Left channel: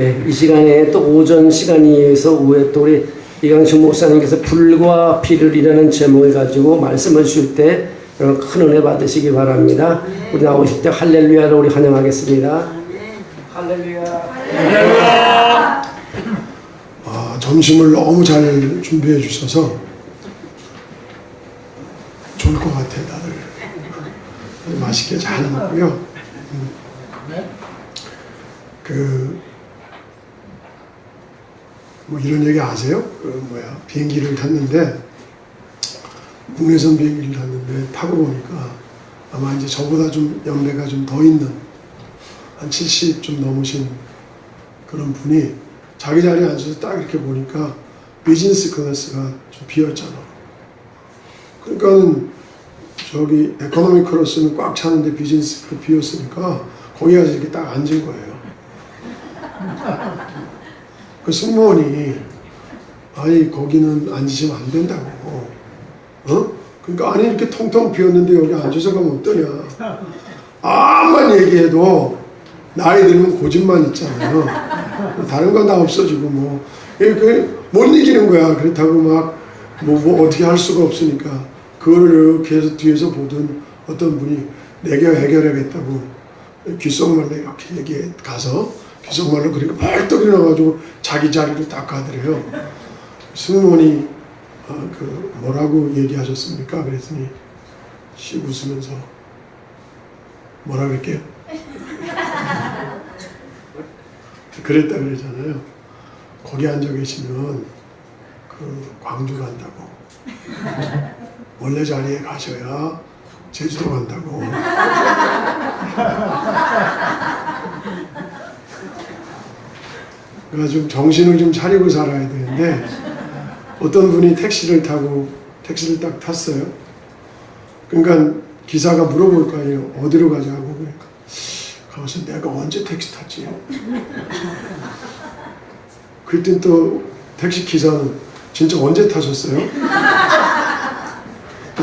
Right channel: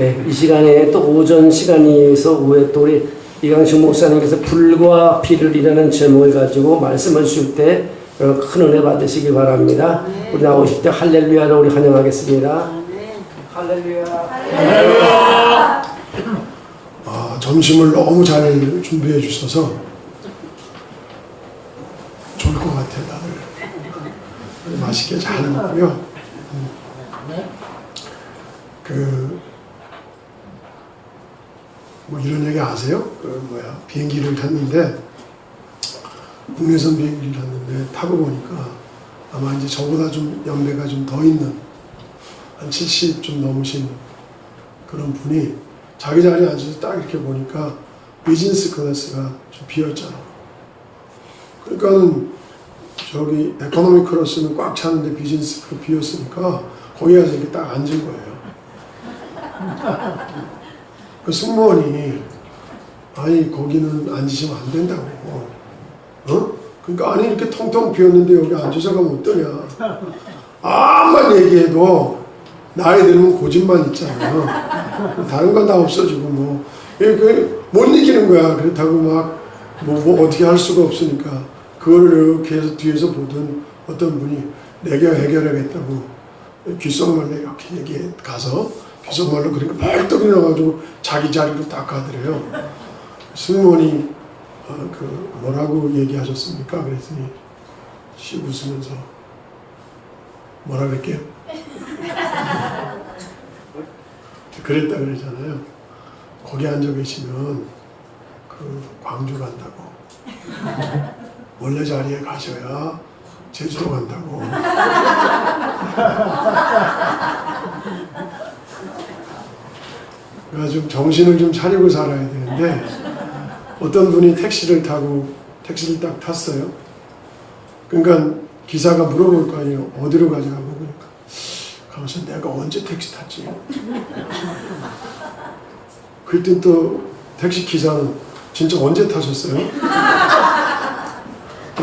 네, 이 시간에 또 오전 시간이어서 오후에 또 우리 이강식 목사님께서 불과 비를이라는 제목을 가지고 말씀을 주실 때 큰 은혜 받으시기 바랍니다. 우리 나오실 때 할렐루야로 우리 환영하겠습니다. 할렐루야. 할렐루야. 점심을 너무 잘 준비해 주셔서 좋을 것 같아요. 다들 맛있게 잘 먹고요. 뭐 이런 얘기 아세요? 비행기를 탔는데 국내선 비행기를 탔는데 타고 보니까 아마 이제 저보다 좀 연배가 좀 더 있는 한 70 좀 넘으신 그런 분이 자기 자리에 앉아서 딱 이렇게 보니까 비즈니스 클래스가 좀 비었잖아. 그러니까 저기 에코노미 클래스는 꽉 차는데 비즈니스 클래스 비었으니까 거기 가서 이렇게 딱 앉은 거예요. 그 승무원이 아니 거기는 앉으시면 안 된다고. 그러니까 아니 이렇게 텅텅 비었는데 여기 앉아서 가면 어떠냐. 암만 얘기해도 나이 들면 고집만 있잖아요. 뭐 다른 건 다 없어지고 못 이기는 거야. 그렇다고 뭐 어떻게 할 수가 없으니까 그거를 이렇게 해서 뒤에서 보던 어떤 분이 내가 해결하겠다고 귓속말로 이렇게 얘기해 가서 귓속말로 그렇게 벌떡 일어나가지고 자기 자리로 딱 가더래요. 승무원이 뭐라고 얘기하셨습니까? 그랬더니 씩 웃으면서 뭐라 그럴게요? 그랬다 그러잖아요. 거기 앉아 계시면 광주 간다고. 원래 자리에 가셔야 제주도 간다고. 그래서 좀 정신을 좀 차리고 살아야 되는데 어떤 분이 택시를 딱 탔어요. 그러니까 기사가 물어볼 거 아니에요. 어디로 가자고. 그러니까 가면서 내가 언제 택시 탔지? 그랬더니 또 택시 기사는 진짜 언제 타셨어요?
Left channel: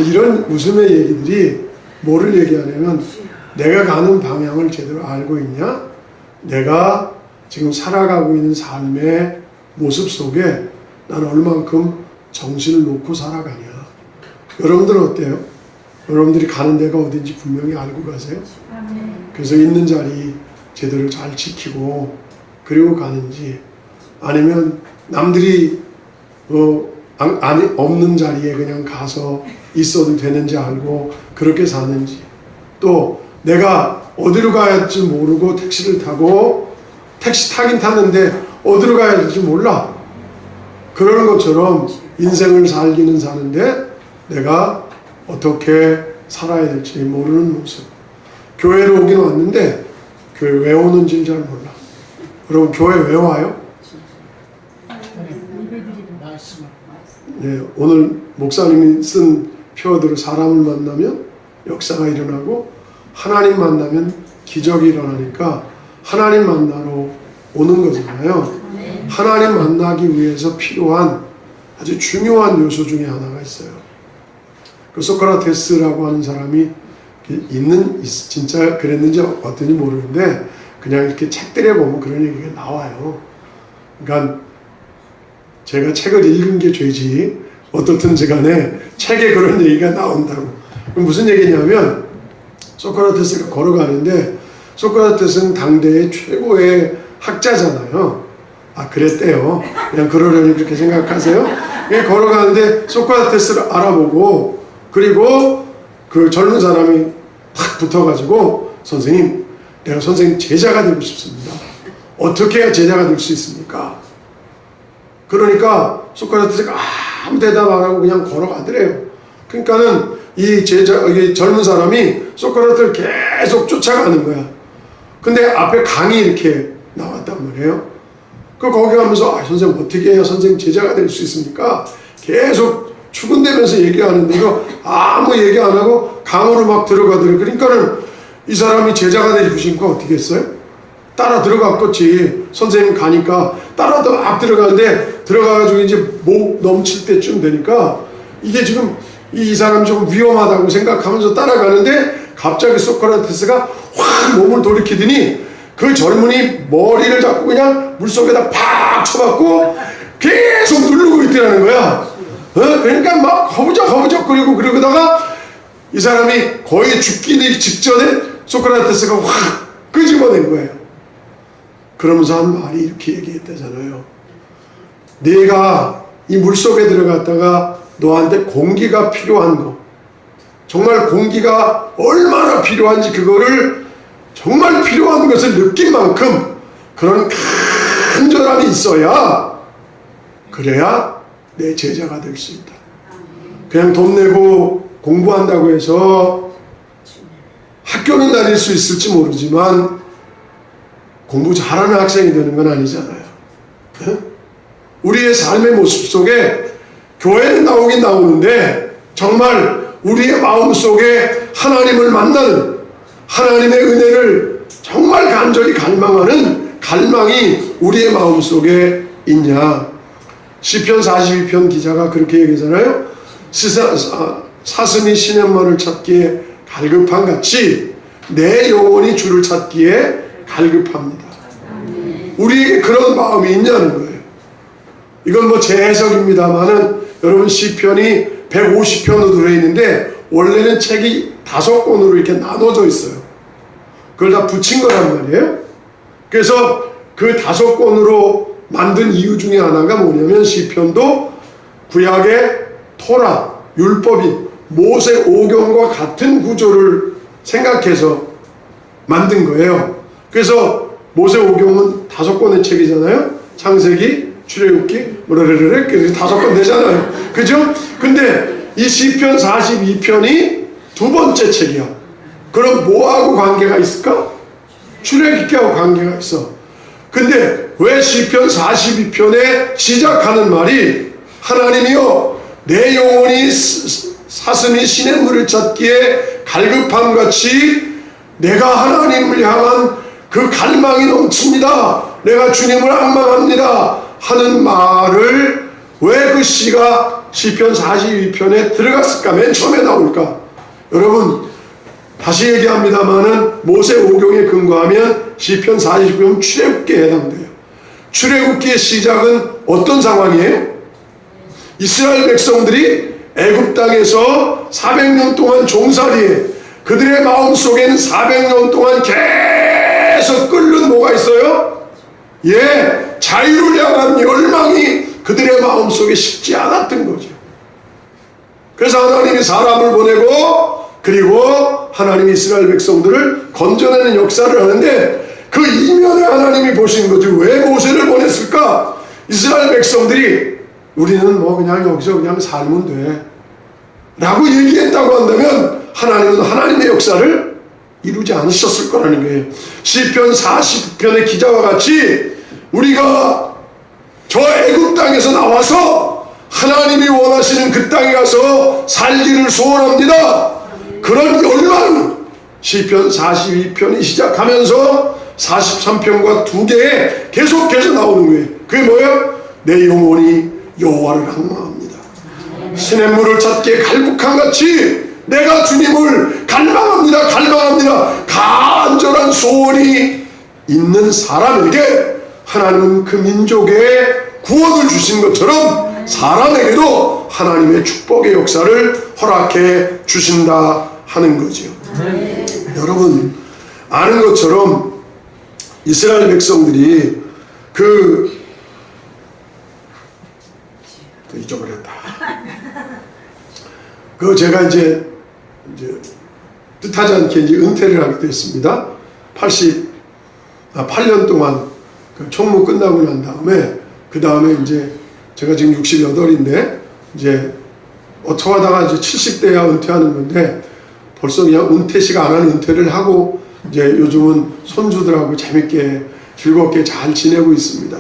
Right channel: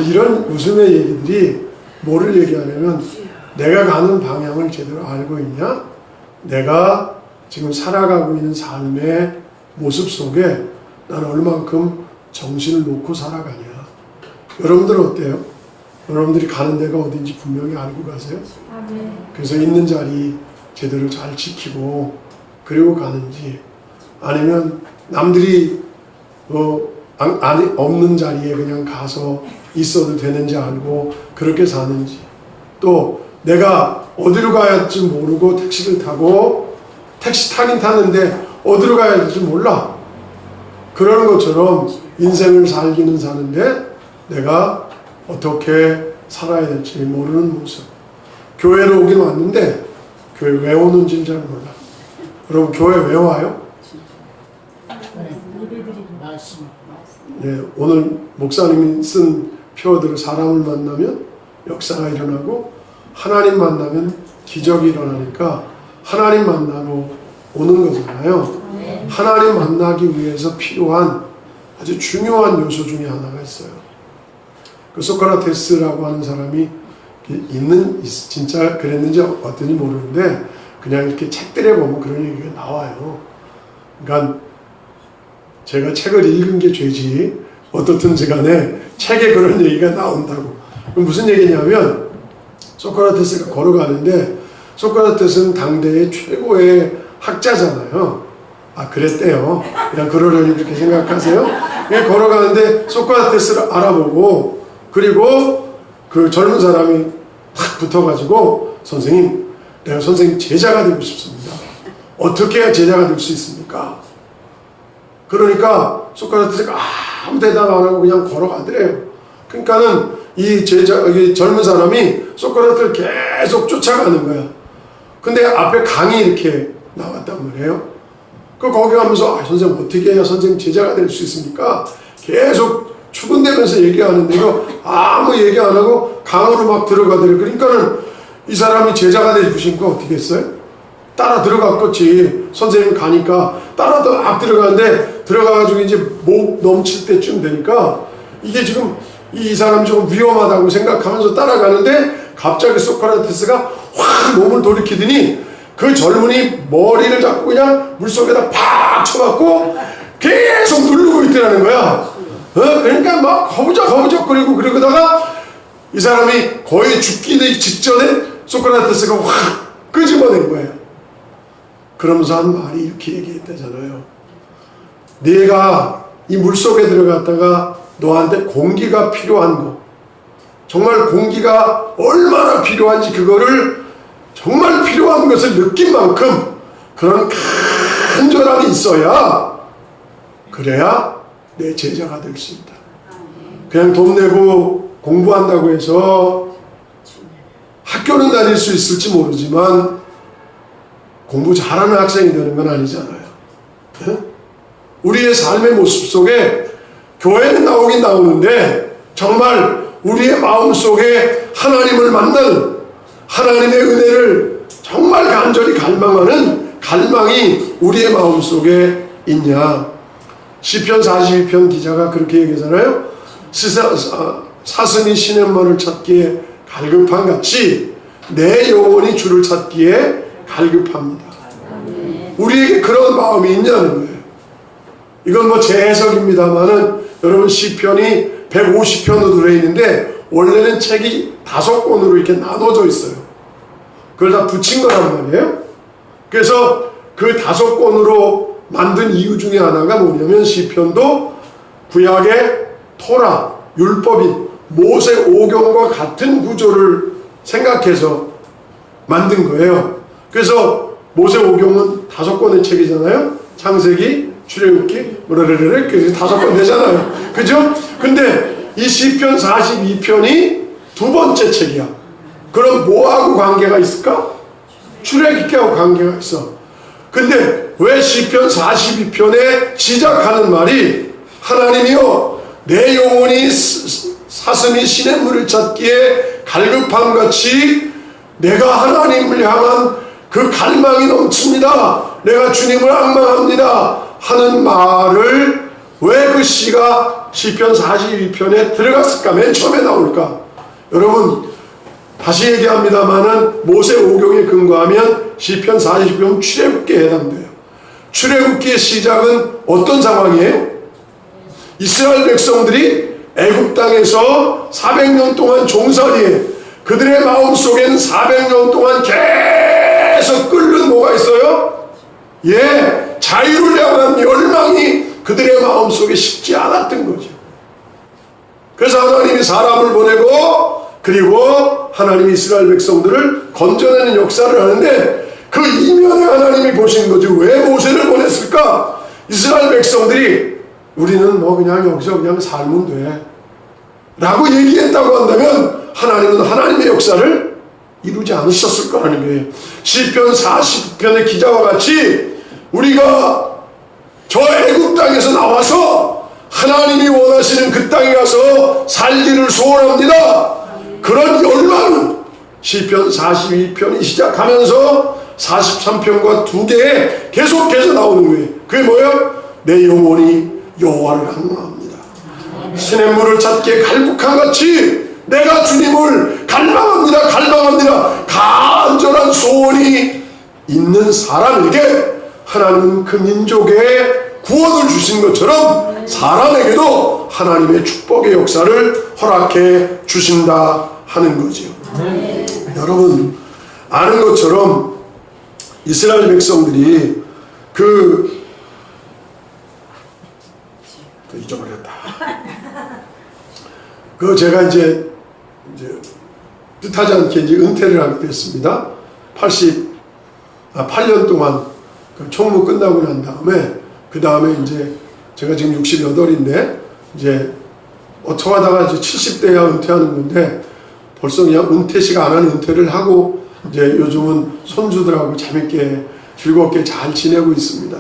이런 웃음의 얘기들이 뭐를 얘기하냐면 내가 가는 방향을 제대로 알고 있냐? 내가 지금 살아가고 있는 삶의 모습 속에 난 얼만큼 정신을 놓고 살아가냐. 여러분들은 어때요? 여러분들이 가는 데가 어딘지 분명히 알고 가세요? 그래서 있는 자리 제대로 잘 지키고 그리고 가는지 아니면 남들이 없는 자리에 그냥 가서 있어도 되는지 알고 그렇게 사는지 또 내가 어디로 가야 할지 모르고 택시를 타고 택시 타긴 타는데 어디로 가야 할지 몰라. 그러는 것처럼 인생을 살기는 사는데 내가 어떻게 살아야 될지 모르는 모습. 교회로 오긴 왔는데 교회 왜 오는지를 잘 몰라. 여러분 교회 왜 와요? 네, 오늘 목사님이 쓴 표어대로 사람을 만나면 역사가 일어나고 하나님 만나면 기적이 일어나니까 하나님 만나러 오는 거잖아요. 하나님 만나기 위해서 필요한 아주 중요한 요소 중에 하나가 있어요. 그 소크라테스라고 하는 사람이 진짜 그랬는지 어떤지 모르는데 그냥 이렇게 책들에 보면 그런 얘기가 나와요. 그러니까 제가 책을 읽은 게 죄지 어떻든지 간에 책에 그런 얘기가 나온다고. 무슨 얘기냐면 소크라테스가 걸어가는데 소크라테스는 당대의 최고의 학자잖아요. 그랬대요. 그냥 그러려니 그렇게 생각하세요? 그냥 걸어가는데 소크라테스를 알아보고 그리고 그 젊은 사람이 탁 붙어가지고 선생님, 내가 선생님 제자가 되고 싶습니다. 어떻게 해야 제자가 될 수 있습니까? 그러니까 소크라테스가 아무 대답 안 하고 그냥 걸어가더래요. 그러니까는 이 젊은 사람이 소크라테스를 계속 쫓아가는 거야. 근데 앞에 강이 이렇게 나왔단 말이에요. 거기 가면서 선생님 어떻게 해야 선생님 제자가 될 수 있습니까? 계속 추근대면서 얘기하는데도 아무 얘기 안 하고 강으로 막 들어가더래요. 그러니까는 이 사람이 제자가 되고 싶으니까 어떻게 했어요? 따라 들어갔겠지. 선생님 가니까 따라도 막 들어가는데 들어가가지고 이제 목 넘칠 때쯤 되니까 이게 지금 이 사람이 좀 위험하다고 생각하면서 따라가는데 갑자기 소크라테스가 확 몸을 돌이키더니 그 젊은이 머리를 잡고 그냥 물속에다 팍 쳐박고 계속 누르고 있더라는 거야. 그러니까 막 허우적거리고 그러다가 이 사람이 거의 죽기 직전에 소크라테스가 확 끄집어낸 거예요. 그러면서 한 말이 이렇게 얘기했다잖아요. 네가 이 물속에 들어갔다가 너한테 공기가 필요한 거, 정말 공기가 얼마나 필요한지 그거를 정말 필요한 것을 느낀 만큼 그런 간절함이 있어야 그래야 내 제자가 될 수 있다. 그냥 돈 내고 공부한다고 해서 학교는 다닐 수 있을지 모르지만 공부 잘하는 학생이 되는 건 아니잖아요. 우리의 삶의 모습 속에 교회는 나오긴 나오는데 정말 우리의 마음 속에 하나님을 만나는 하나님의 은혜를 정말 간절히 갈망하는 갈망이 우리의 마음 속에 있냐. 시편 42편 기자가 그렇게 얘기하잖아요. 사슴이 시냇물을 찾기에 갈급한 같이 내 영혼이 주를 찾기에 갈급합니다. 우리에게 그런 마음이 있냐는 거예요. 이건 뭐 제 해석입니다만은 여러분 시편이 150편으로 들어있는데 원래는 책이 5권으로 이렇게 나눠져 있어요. 그걸 다 붙인 거란 말이에요. 그래서 그 5권으로 만든 이유 중에 하나가 뭐냐면 시편도 구약의 토라, 율법인 모세 오경과 같은 구조를 생각해서 만든 거예요. 그래서 모세 오경은 5권의 책이잖아요. 창세기, 출애굽기, 뭐라르르르 그래서 5권 되잖아요. 그죠? 근데 이 시편 42편이 두 번째 책이야. 그럼 뭐하고 관계가 있을까? 출애굽기하고 관계가 있어. 근데 왜 시편 42편에 시작하는 말이 하나님이여 내 영혼이 사슴이 시냇물을 찾기에 갈급함같이 내가 하나님을 향한 그 갈망이 넘칩니다. 내가 주님을 앙망합니다. 하는 말을 왜 그 시가 시편 42편에 들어갔을까? 맨 처음에 나올까? 여러분 다시 얘기합니다마는 모세 오경에 근거하면 시편 40편 출애굽기에 해당돼요. 출애굽기의 시작은 어떤 상황이에요? 이스라엘 백성들이 애굽 땅에서 400년 동안 종살이에 그들의 마음속엔 400년 동안 계속 끓는 뭐가 있어요? 예, 자유를 향한 열망이 그들의 마음속에 식지 않았던 거죠. 그래서 하나님이 사람을 보내고 그리고 하나님이 이스라엘 백성들을 건져내는 역사를 하는데 그 이면에 하나님이 보신 거죠. 왜 모세를 보냈을까? 이스라엘 백성들이 우리는 뭐 그냥 여기서 그냥 살면 돼 라고 얘기했다고 한다면 하나님은 하나님의 역사를 이루지 않으셨을 거라는 거예요. 시편 40편의 기자와 같이 우리가 저 애굽 땅에서 나와서 하나님이 원하시는 그 땅에 가서 살기를 소원합니다. 그런 열망 시편 42편이 시작하면서 43편과 2개에 계속해서 나오는 거예요. 그게 뭐예요? 내 영혼이 여호와를 앙망합니다. 시냇물을 찾기에 갈급함같이 내가 주님을 갈망합니다. 갈망합니다. 간절한 소원이 있는 사람에게 하나님은 그 민족에 구원을 주신 것처럼 사람에게도 하나님의 축복의 역사를 허락해 주신다 하는 거죠. 여러분 아는 것처럼 이스라엘 백성들이 잊어버렸다. 제가 이제 뜻하지 않게 이제 은퇴를 하게 됐습니다. 8년 동안 총무 끝나고 난 다음에 그 다음에 이제 제가 지금 68인데 이제 어쩌다가 이제 70대야 은퇴하는 건데 벌써 그냥 은퇴식 안 하는 은퇴를 하고 이제 요즘은 손주들하고 재밌게 즐겁게 잘 지내고 있습니다.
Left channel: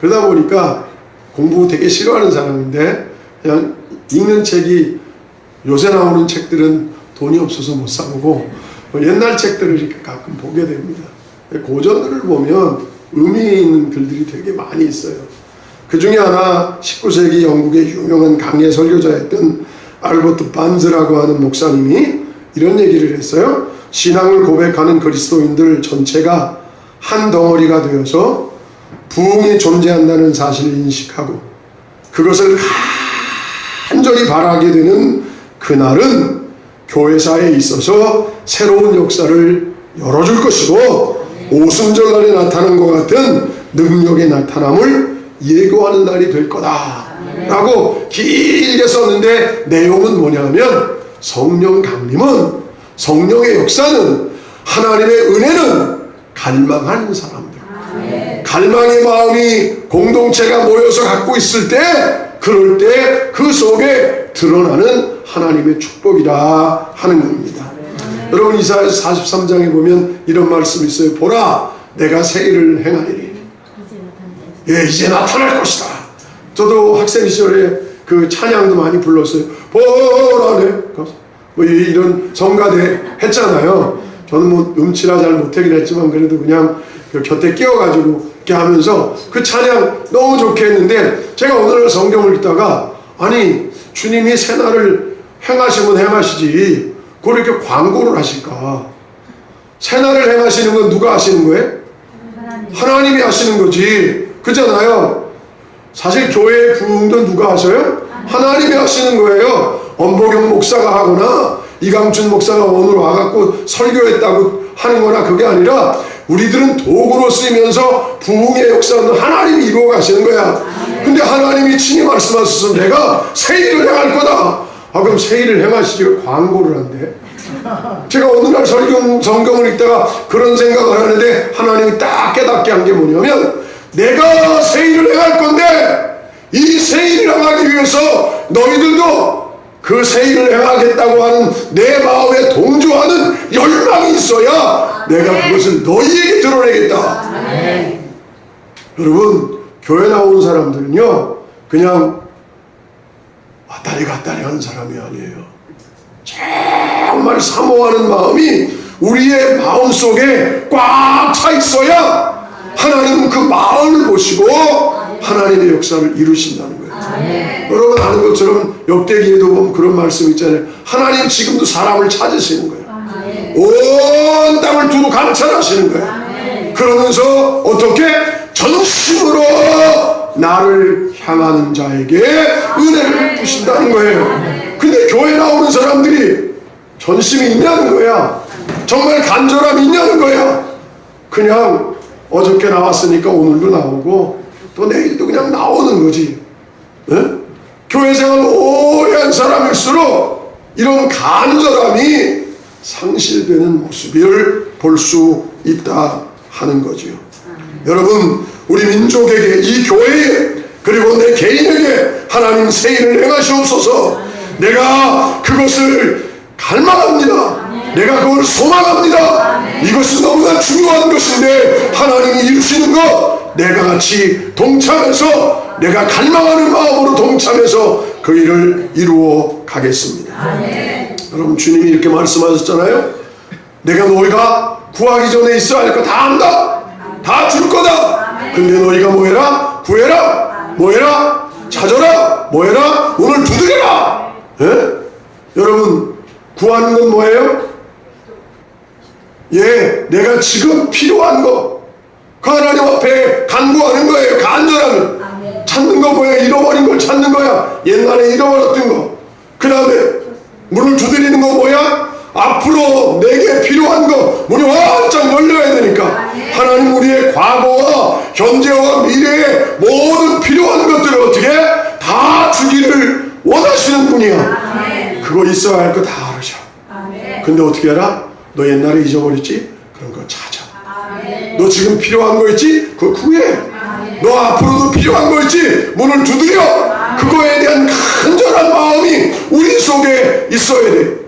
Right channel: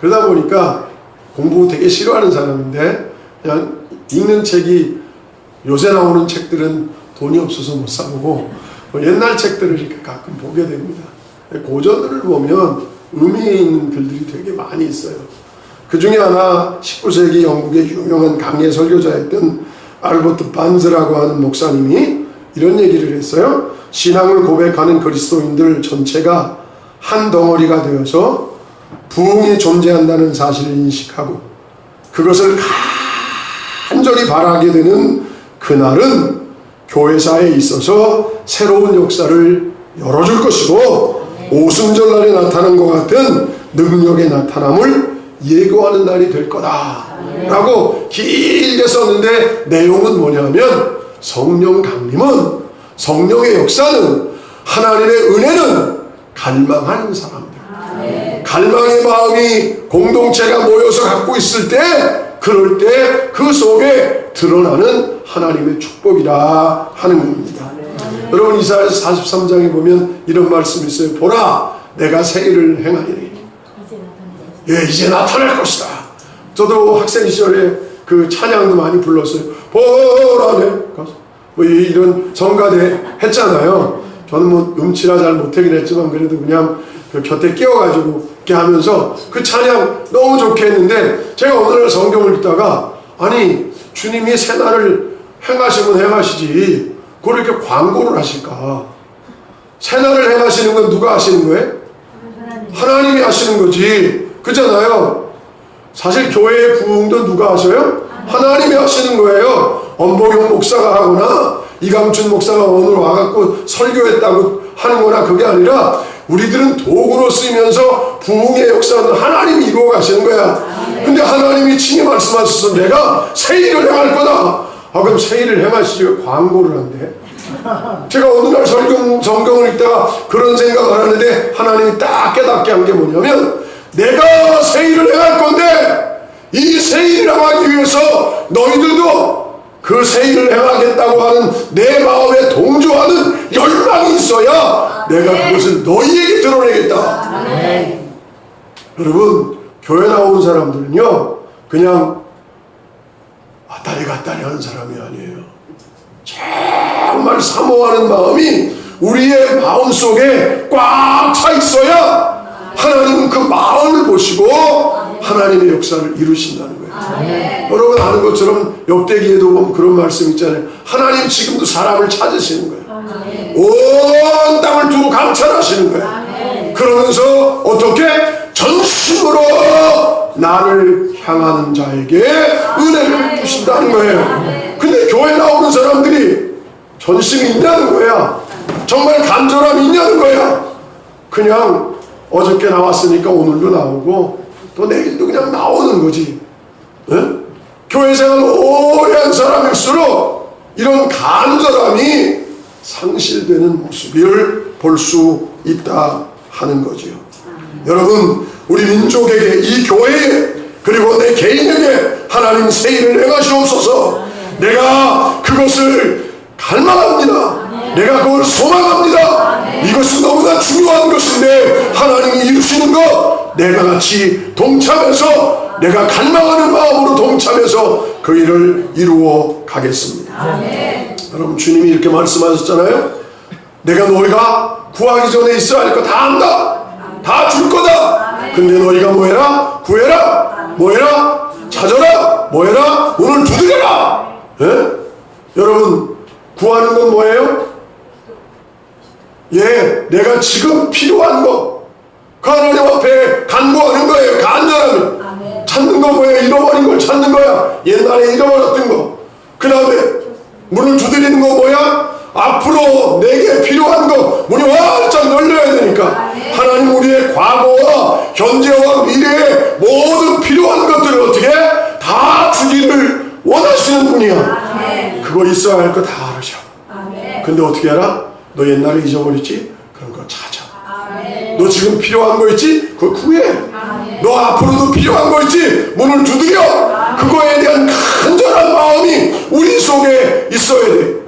그러다 보니까 공부 되게 싫어하는 사람인데 그냥 읽는 책이 요새 나오는 책들은 돈이 없어서 못 사보고 옛날 책들을 이렇게 가끔 보게 됩니다. 고전들을 보면 의미 있는 글들이 되게 많이 있어요. 그 중에 하나 19세기 영국의 유명한 강해 설교자였던 알버트 반즈라고 하는 목사님이 이런 얘기를 했어요. 신앙을 고백하는 그리스도인들 전체가 한 덩어리가 되어서 부흥이 존재한다는 사실을 인식하고 그것을 간절히 바라게 되는 그날은 교회사에 있어서 새로운 역사를 열어줄 것이고 오순절날에 나타난 것 같은 능력의 나타남을 예고하는 날이 될 거다 라고 길게 썼는데 내용은 뭐냐면 성령 강림은 성령의 역사는 하나님의 은혜는 갈망하는 사람들 갈망의 마음이 공동체가 모여서 갖고 있을 때 그럴 때 그 속에 드러나는 하나님의 축복이라 하는 겁니다. 여러분 이사야서 43장에 보면 이런 말씀이 있어요. 보라 내가 새 일을 행하리니 예 이제 나타날 것이다. 저도 학생 시절에 그 찬양도 많이 불렀어요. 보라 뭐 이런 성가대 했잖아요. 저는 뭐 음치라 잘 못하긴 했지만 그래도 그냥 그 곁에 끼워가지고 이렇게 하면서 그 찬양 너무 좋게 했는데 제가 어느 날 성경을 읽다가 아니 주님이 새날을 행하시면 행하시지 그걸 이렇게 광고를 하실까. 새날을 행하시는 건 누가 하시는 거예요? 하나님이 하시는 거지. 그잖아요. 사실 교회의 부흥도 누가 하셔요? 하나님이 하시는 거예요. 엄보경 목사가 하거나 이강춘 목사가 오늘 와갖고 설교했다고 하는 거나 그게 아니라 우리들은 도구로 쓰이면서 부흥의 역사는 하나님이 이루어 가시는 거야. 근데 하나님이 친히 말씀하셔서 내가 새 일을 행할 거다. 아 그럼 새 일을 행하시지 왜 광고를 한대? 제가 어느 날 성경을 읽다가 그런 생각을 하는데 하나님이 딱 깨닫게 한 게 뭐냐면 내가 새 일을 행할 건데 이 새 일을 행하기 위해서 너희들도 그 새 일을 행하겠다고 하는 내 마음에 동조하는 열망이 있어야 내가 그것을 너희에게 드러내겠다. 여러분 교회 나오는 사람들은요 그냥 왔다리 갔다리 하는 사람이 아니에요. 정말 사모하는 마음이 우리의 마음속에 꽉 차 있어야 하나님은 그 마음을 보시고 하나님의 역사를 이루신다는 거예요. 여러분 아는 것처럼 역대기에도 보면 그런 말씀 있잖아요. 하나님 지금도 사람을 찾으시는 거예요. 온 땅을 두루 감찰하시는 거예요. 그러면서 어떻게? 전심으로 나를 향하는 자에게 은혜를 베푸신다는 거예요. 근데 교회 나오는 사람들이 전심이 있냐는 거야. 정말 간절함이 있냐는 거야. 그냥 어저께 나왔으니까 오늘도 나오고 또 내일도 그냥 나오는 거지. 네? 교회 생활 오래 한 사람일수록 이런 간절함이 상실되는 모습을 볼 수 있다 하는 거죠. 여러분 우리 민족에게 이 교회에 그리고 내 개인에게 하나님 새 일을 행하시옵소서. 내가 그것을 갈망합니다. 내가 그걸 소망합니다. 이것은 너무나 중요한 것인데 하나님이 이루시는 것 내가 같이 동참해서 내가 갈망하는 마음으로 동참해서 그 일을 이루어 가겠습니다. 여러분 주님이 이렇게 말씀하셨잖아요. 내가 너희가 구하기 전에 있어야 할 거 다 한다. 다 줄 거다. 근데 너희가 뭐해라? 구해라. 뭐해라? 찾아라. 뭐해라? 문을 두드려라. 예? 여러분 구하는 건 뭐예요? 예, 내가 지금 필요한 거 그 하나님 앞에 간구하는 거예요. 간절함을 찾는 거 뭐예요? 잃어버린 걸 찾는 거야. 옛날에 잃어버렸던 거. 그 다음에 문을 두드리는 거 뭐야? 앞으로 내게 필요한 거 문이 활짝 열려야 되니까 하나님 우리의 과거와 현재와 미래의 모든 필요한 것들을 어떻게 다 주기를 원하시는 분이야. 그거 있어야 할 거 다 알으셔. 근데 어떻게 알아? 너 옛날에 잊어버렸지? 그런 거 찾아. 너 지금 필요한 거 있지? 그거 구해. 너 앞으로도 필요한 거 있지? 문을 두드려. 그거에 대한 간절한 마음이 우리 속에 있어야 돼.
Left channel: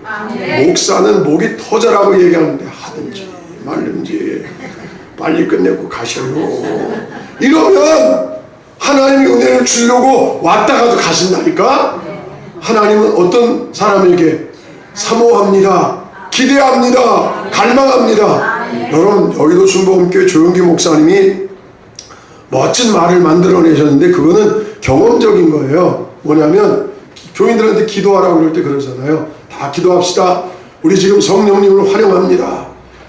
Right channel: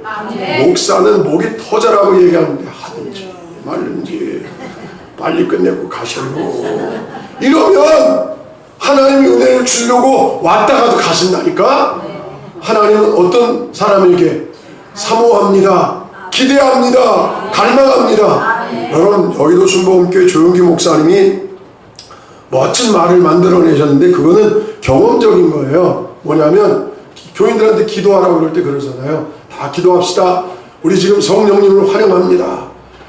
목사는 목이 터져라고 얘기하는데 하든지 말든지 빨리 끝내고 가셔요. 이러면 하나님의 은혜를 주려고 왔다가도 가신다니까. 하나님은 어떤 사람에게 사모합니다. 기대합니다. 갈망합니다. 여러분 여의도 순복음교회 조용기 목사님이 멋진 말을 만들어내셨는데 그거는 경험적인 거예요. 뭐냐면 교인들한테 기도하라고 그럴 때 그러잖아요. 다 기도합시다. 우리 지금 성령님을 환영합니다.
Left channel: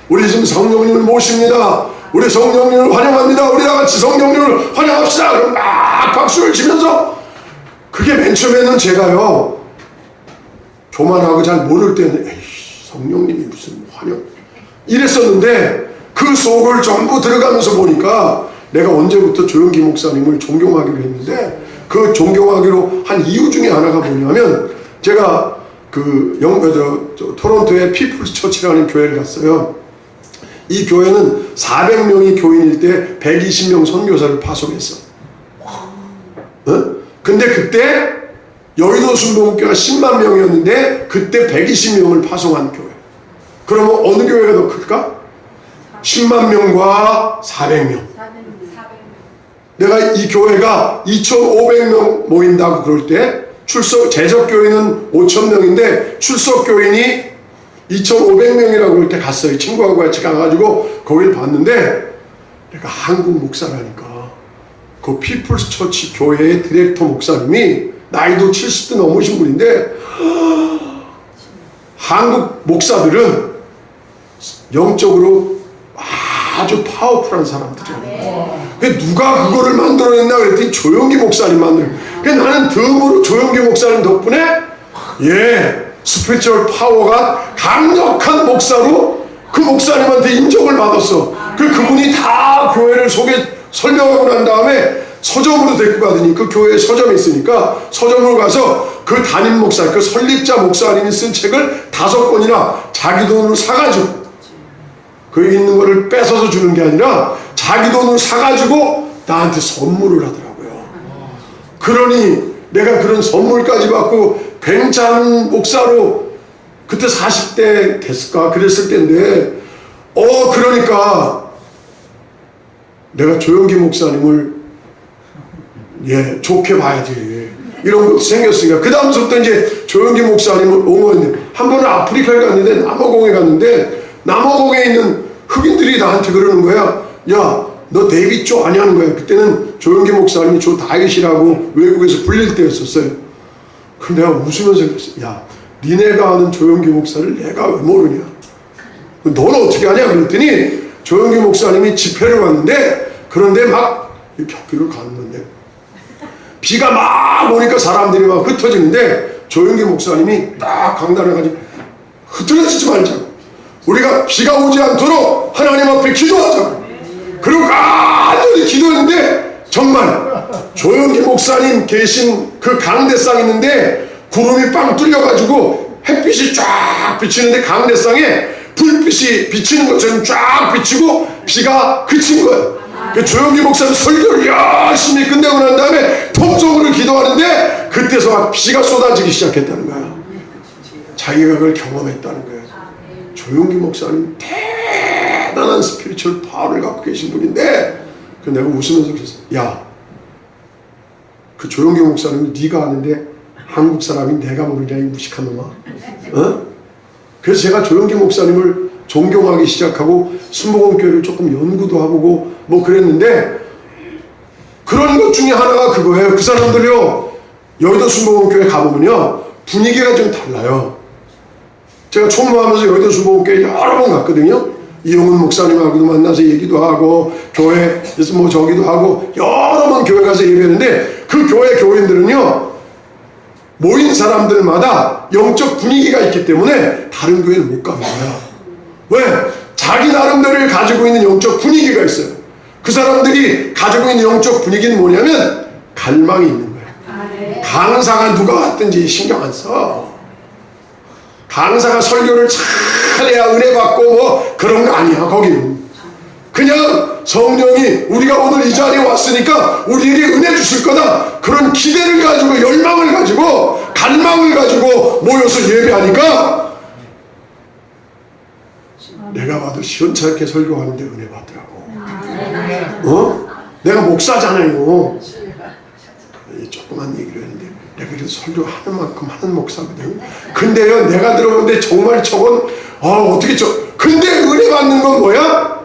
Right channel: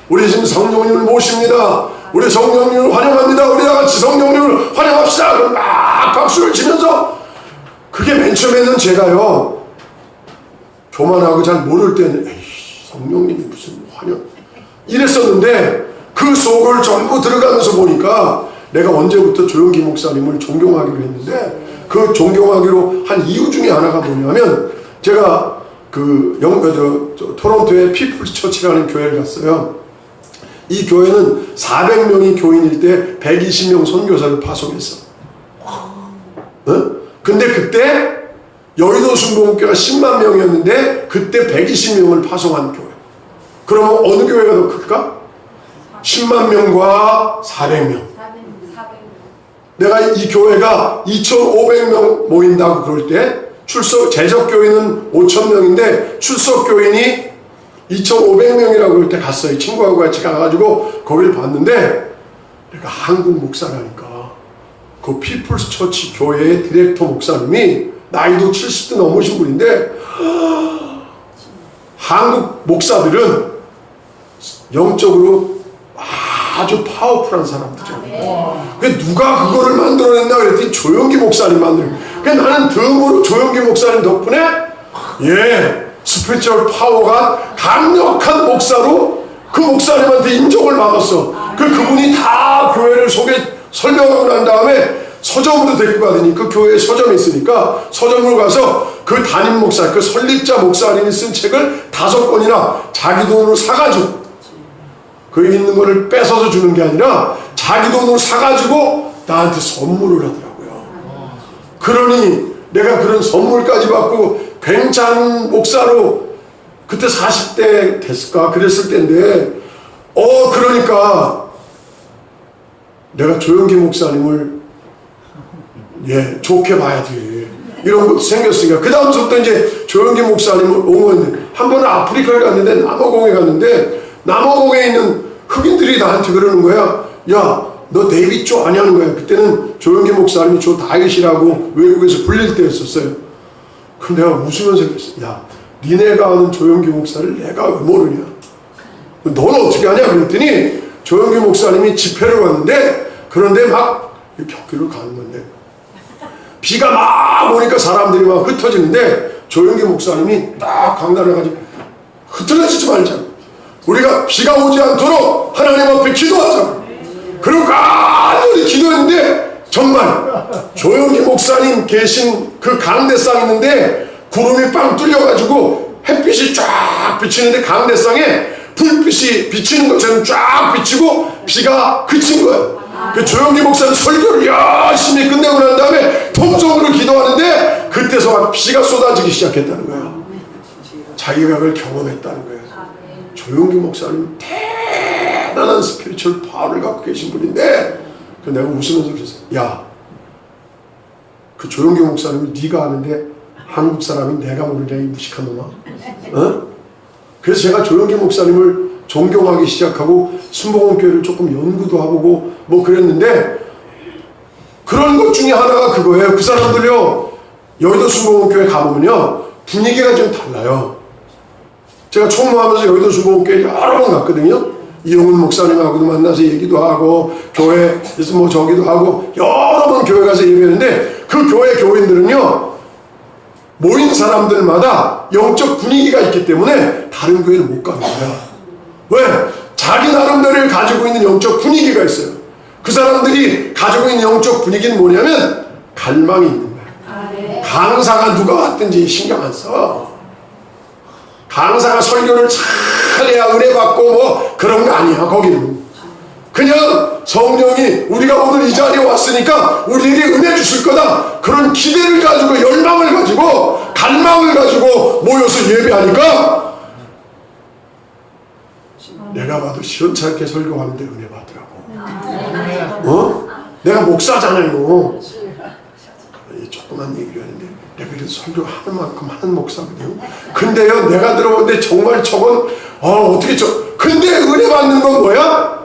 우리 지금 성령님을 모십니다. 우리 성령님을 환영합니다. 우리 다 같이 성령님을 환영합시다. 그럼 막 박수를 치면서 그게 맨 처음에는 제가요 교만하고 잘 모를 때는 에이 성령님이 무슨 환영 이랬었는데 그 속을 전부 들어가면서 보니까 내가 언제부터 조영기 목사님을 존경하기로 했는데 그 존경하기로 한 이유 중에 하나가 뭐냐면 제가 그 토론토의 피플스 처치라는 교회를 갔어요. 이 교회는 400명이 교인일 때 120명 선교사를 파송했어. 근데 그때 여의도 순복음교회가 10만 명이었는데 그때 120명을 파송한 교회. 그러면 어느 교회가 더 클까? 10만 명과 400명. 내가 이 교회가 2,500명 모인다고 그럴 때 제적 교인은 5,000명인데 출석 교인이 2,500명이라고 그럴 때 갔어요. 친구하고 같이 가가지고 거기를 봤는데 내가 한국 목사라니까 그 피플스 처치 교회의 디렉터 목사님이 나이도 70대 넘으신 분인데 한국 목사들은 영적으로 아주 파워풀한 사람들이에요. 누가 그거를 만들어냈나 그랬더니 조영기 목사님 만들어. 나는 덤으로 조영기 목사님 덕분에 스피리추얼 파워가 강력한 목사로 그 목사님한테 인정을 받았어. 그분이 다 교회를 설명하고 난 다음에 서점으로 데리고 가더니 그 교회에 서점이 있으니까 서점으로 가서 그 담임 목사, 그 설립자 목사님이 쓴 책을 5권이나 자기 돈으로 사가지고 거기 있는 거를 뺏어서 주는 게 아니라 자기 돈으로 사가지고 나한테 선물을 하더라고요. 그러니 내가 그런 선물까지 받고 굉장한 목사로 그때 40대 됐을까 그랬을 때인데 그러니까 내가 조영기 목사님을 좋게 봐야지 이런 것도 생겼으니까 그 다음부터 이제 조영기 목사님을 옹호했는데 한 번은 아프리카에 갔는데 남아공에 갔는데 남아공에 있는 흑인들이 나한테 그러는 거야. 야, 너 데이빗 조 아냐는 거야. 그때는 조영기 목사님이 조 다윗이라고 외국에서 불릴 때였었어요. 그럼 내가 웃으면서 그랬어. 야, 니네가 아는 조영기 목사를 내가 왜 모르냐. 너는 어떻게 하냐 그랬더니 조영기 목사님이 집회를 갔는데 그런데 막 벽길을 갔는데 비가 막 오니까 사람들이 막 흩어지는데 조영기 목사님이 딱 강단을 가지고 흐트러지지 말자고. 우리가 비가 오지 않도록 하나님 앞에 기도하자고. 그리고 간절히 기도했는데 정말 조영기 목사님 계신 그 강대상 있는데 구름이 빵 뚫려가지고 햇빛이 쫙 비치는데 강대상에 불빛이 비치는 것처럼 쫙 비치고 비가 그친 거예요. 그 조영기 목사님 설교를 열심히 끝내고 난 다음에 통성으로 기도하는데 그때서 막 비가 쏟아지기 시작했다는 거예요. 자기가 그걸 경험했다는 거예요. 조영기 목사님 대단한 스피리추얼 파워를 갖고 계신 분인데 내가 웃으면서 그랬어. 야, 그 조영기 목사님이 네가 아는데 한국 사람이 내가 모르냐 이 무식한 놈아. 그래서 제가 조영기 목사님을 존경하기 시작하고 순복음교회를 조금 연구도 해보고 뭐 그랬는데 그런 것 중에 하나가 그거예요. 그 사람들이요 여의도 순복음교회 가보면요 분위기가 좀 달라요. 제가 총무하면서 여의도 순복음교회 여러 번 갔거든요. 이용훈 목사님하고도 만나서 얘기도 하고 교회에서 뭐 저기도 하고 여러 번 교회 가서 예배했는데 그 교회 교인들은요 모인 사람들마다 영적 분위기가 있기 때문에 다른 교회는 못 가는 거야. 왜? 자기 나름대로 가지고 있는 영적 분위기가 있어요. 그 사람들이 가지고 있는 영적 분위기는 뭐냐면 갈망이 있는 거야. 강사가 누가 왔든지 신경 안 써. 강사가 설교를 잘해야 은혜 받고 뭐 그런 거 아니야. 거기는 그냥 성령이 우리가 오늘 이 자리에 왔으니까 우리에게 은혜 주실 거다 그런 기대를 가지고 열망을 가지고 갈망을 가지고 모여서 예배하니까 내가 봐도 시원찮게 설교하는데 은혜 받더라고. 내가 목사잖아요. 조그만 얘기를 했는데 내가 그래도 설교하는 만큼 하는 목사거든. 근데요 내가 들어보는데 정말 저건 어떻게 근데 은혜 받는 건 뭐야?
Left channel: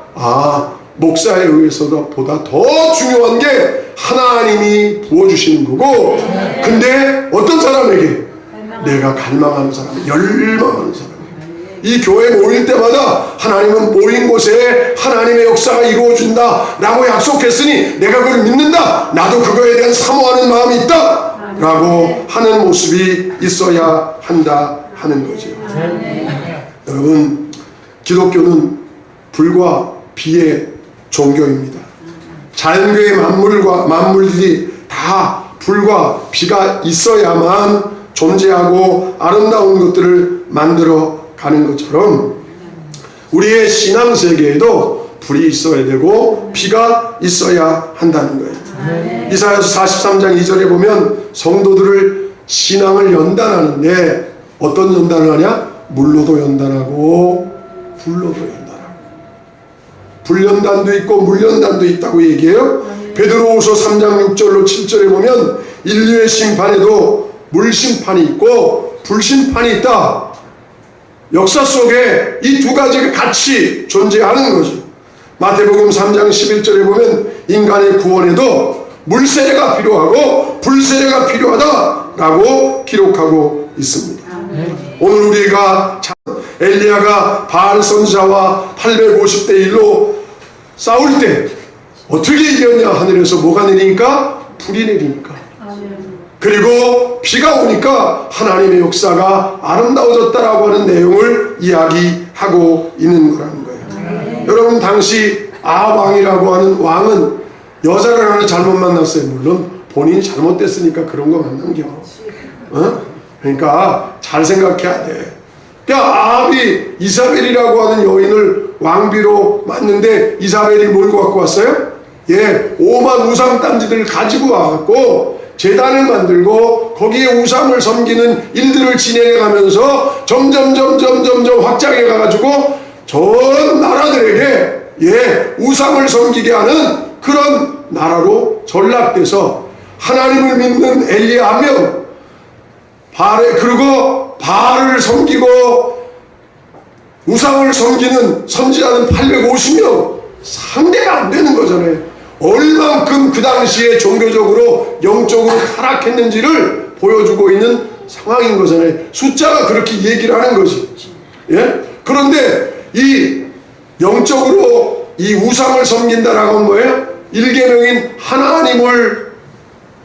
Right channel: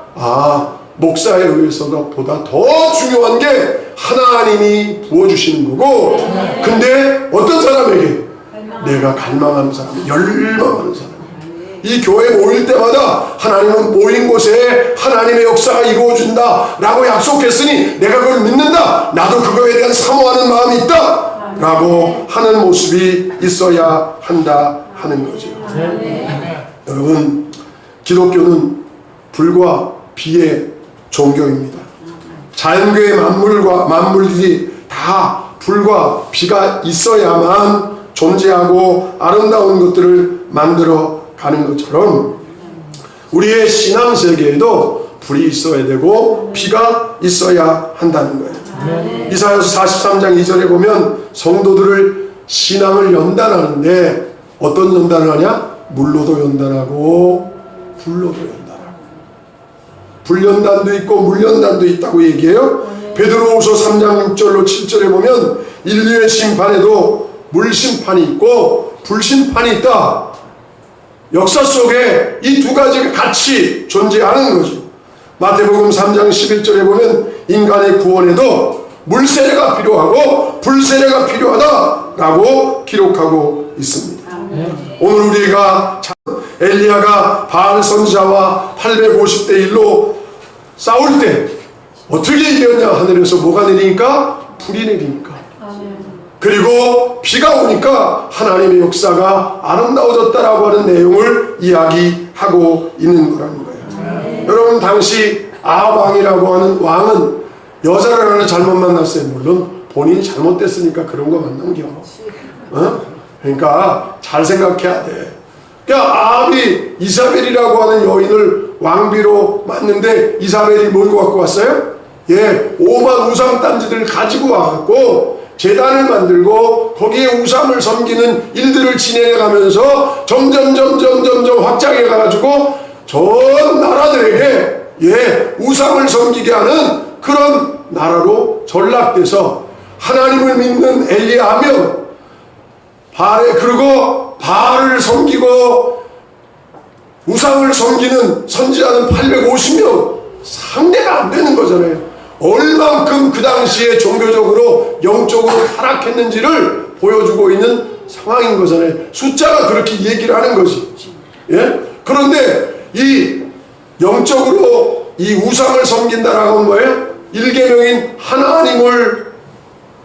목사에 의해서보다 더 중요한 게 하나님이 부어주시는 거고 근데 어떤 사람에게? 내가 갈망하는 사람, 열망하는 사람. 이 교회 모일 때마다 하나님은 모인 곳에 하나님의 역사가 이루어진다 라고 약속했으니 내가 그걸 믿는다, 나도 그거에 대한 사모하는 마음이 있다 라고 하는 모습이 있어야 한다 하는 거죠. 여러분, 기독교는 불과 비의 종교입니다. 자연계의 만물들이 다 불과 비가 있어야만 존재하고 아름다운 것들을 만들어 가는 것처럼 우리의 신앙 세계에도 불이 있어야 되고 비가 있어야 한다는 거예요. 이사야서 43장 2절에 보면 성도들을 신앙을 연단하는데 어떤 연단을 하냐? 물로도 연단하고 불로도 연단하고. 불연단도 있고 물연단도 있다고 얘기해요. 베드로후서 3장 6절로 7절에 보면 인류의 심판에도 물심판이 있고 불심판이 있다. 역사 속에 이 두 가지가 같이 존재하는 거죠. 마태복음 3장 11절에 보면 인간의 구원에도 물세례가 필요하고 불세례가 필요하다라고 기록하고 있습니다. 오늘 우리가 엘리야가 바알 선지자와 850대 1로 싸울 때 어떻게 이겼냐? 하늘에서 뭐가 내리니까? 불이 내리니까. 그리고 비가 오니까 하나님의 역사가 아름다워졌다라고 하는 내용을 이야기하고 있는 거라는 거예요. 여러분, 당시 아왕이라고 하는 왕은 여자를 하나 잘못 만났어요. 물론 본인이 잘못됐으니까 그런 거 만난겨. 그러니까 잘 생각해야 돼. 그러니까 아합이 이사벨이라고 하는 여인을 왕비로 맞는데 이사벨이 뭘 갖고 왔어요? 오만 우상단지들을 가지고 와갖고 제단을 만들고 거기에 우상을 섬기는 일들을 진행해가면서 점점 확장해가지고 전 나라들에게 우상을 섬기게 하는 그런 나라로 전락돼서 하나님을 믿는 엘리야 한 명, 그리고 바알을 섬기고 우상을 섬기는 선지자는 850명, 상대가 안 되는 거잖아요. 얼만큼 그 당시에 종교적으로 영적으로 타락했는지를 보여주고 있는 상황인 거잖아요. 숫자가 그렇게 얘기를 하는 거지. 그런데 이 영적으로 이 우상을 섬긴다라고 하는 뭐예요? 일계명인 하나님을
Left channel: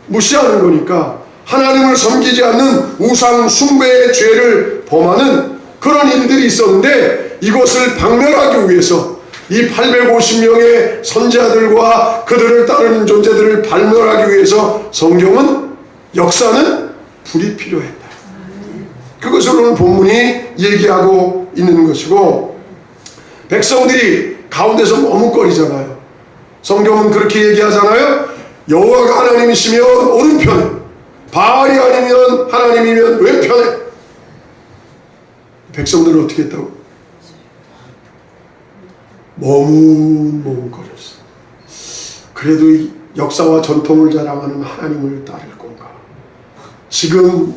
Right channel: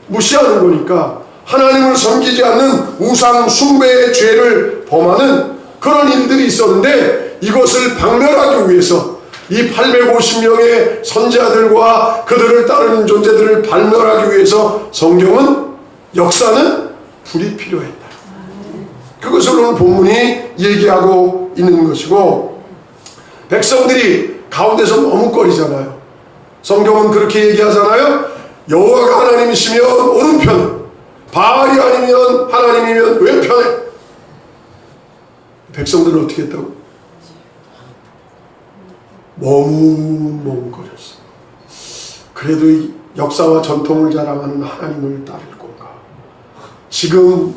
무시하는 거니까 하나님을 섬기지 않는 우상 숭배의 죄를 범하는 그런 일들이 있었는데 이것을 박멸하기 위해서 이 850명의 선지자들과 그들을 따르는 존재들을 박멸하기 위해서 성경은, 역사는 불이 필요했다. 그것을 오늘 본문이 얘기하고 있는 것이고, 백성들이 가운데서 머뭇거리잖아요. 성경은 그렇게 얘기하잖아요. 여호와가 하나님이시면 오른편에, 바알이 아니면 하나님이면 왼편에. 백성들은 어떻게 했다고? 머뭇거렸어. 그래도 이 역사와 전통을 자랑하는 하나님을 따를 건가? 지금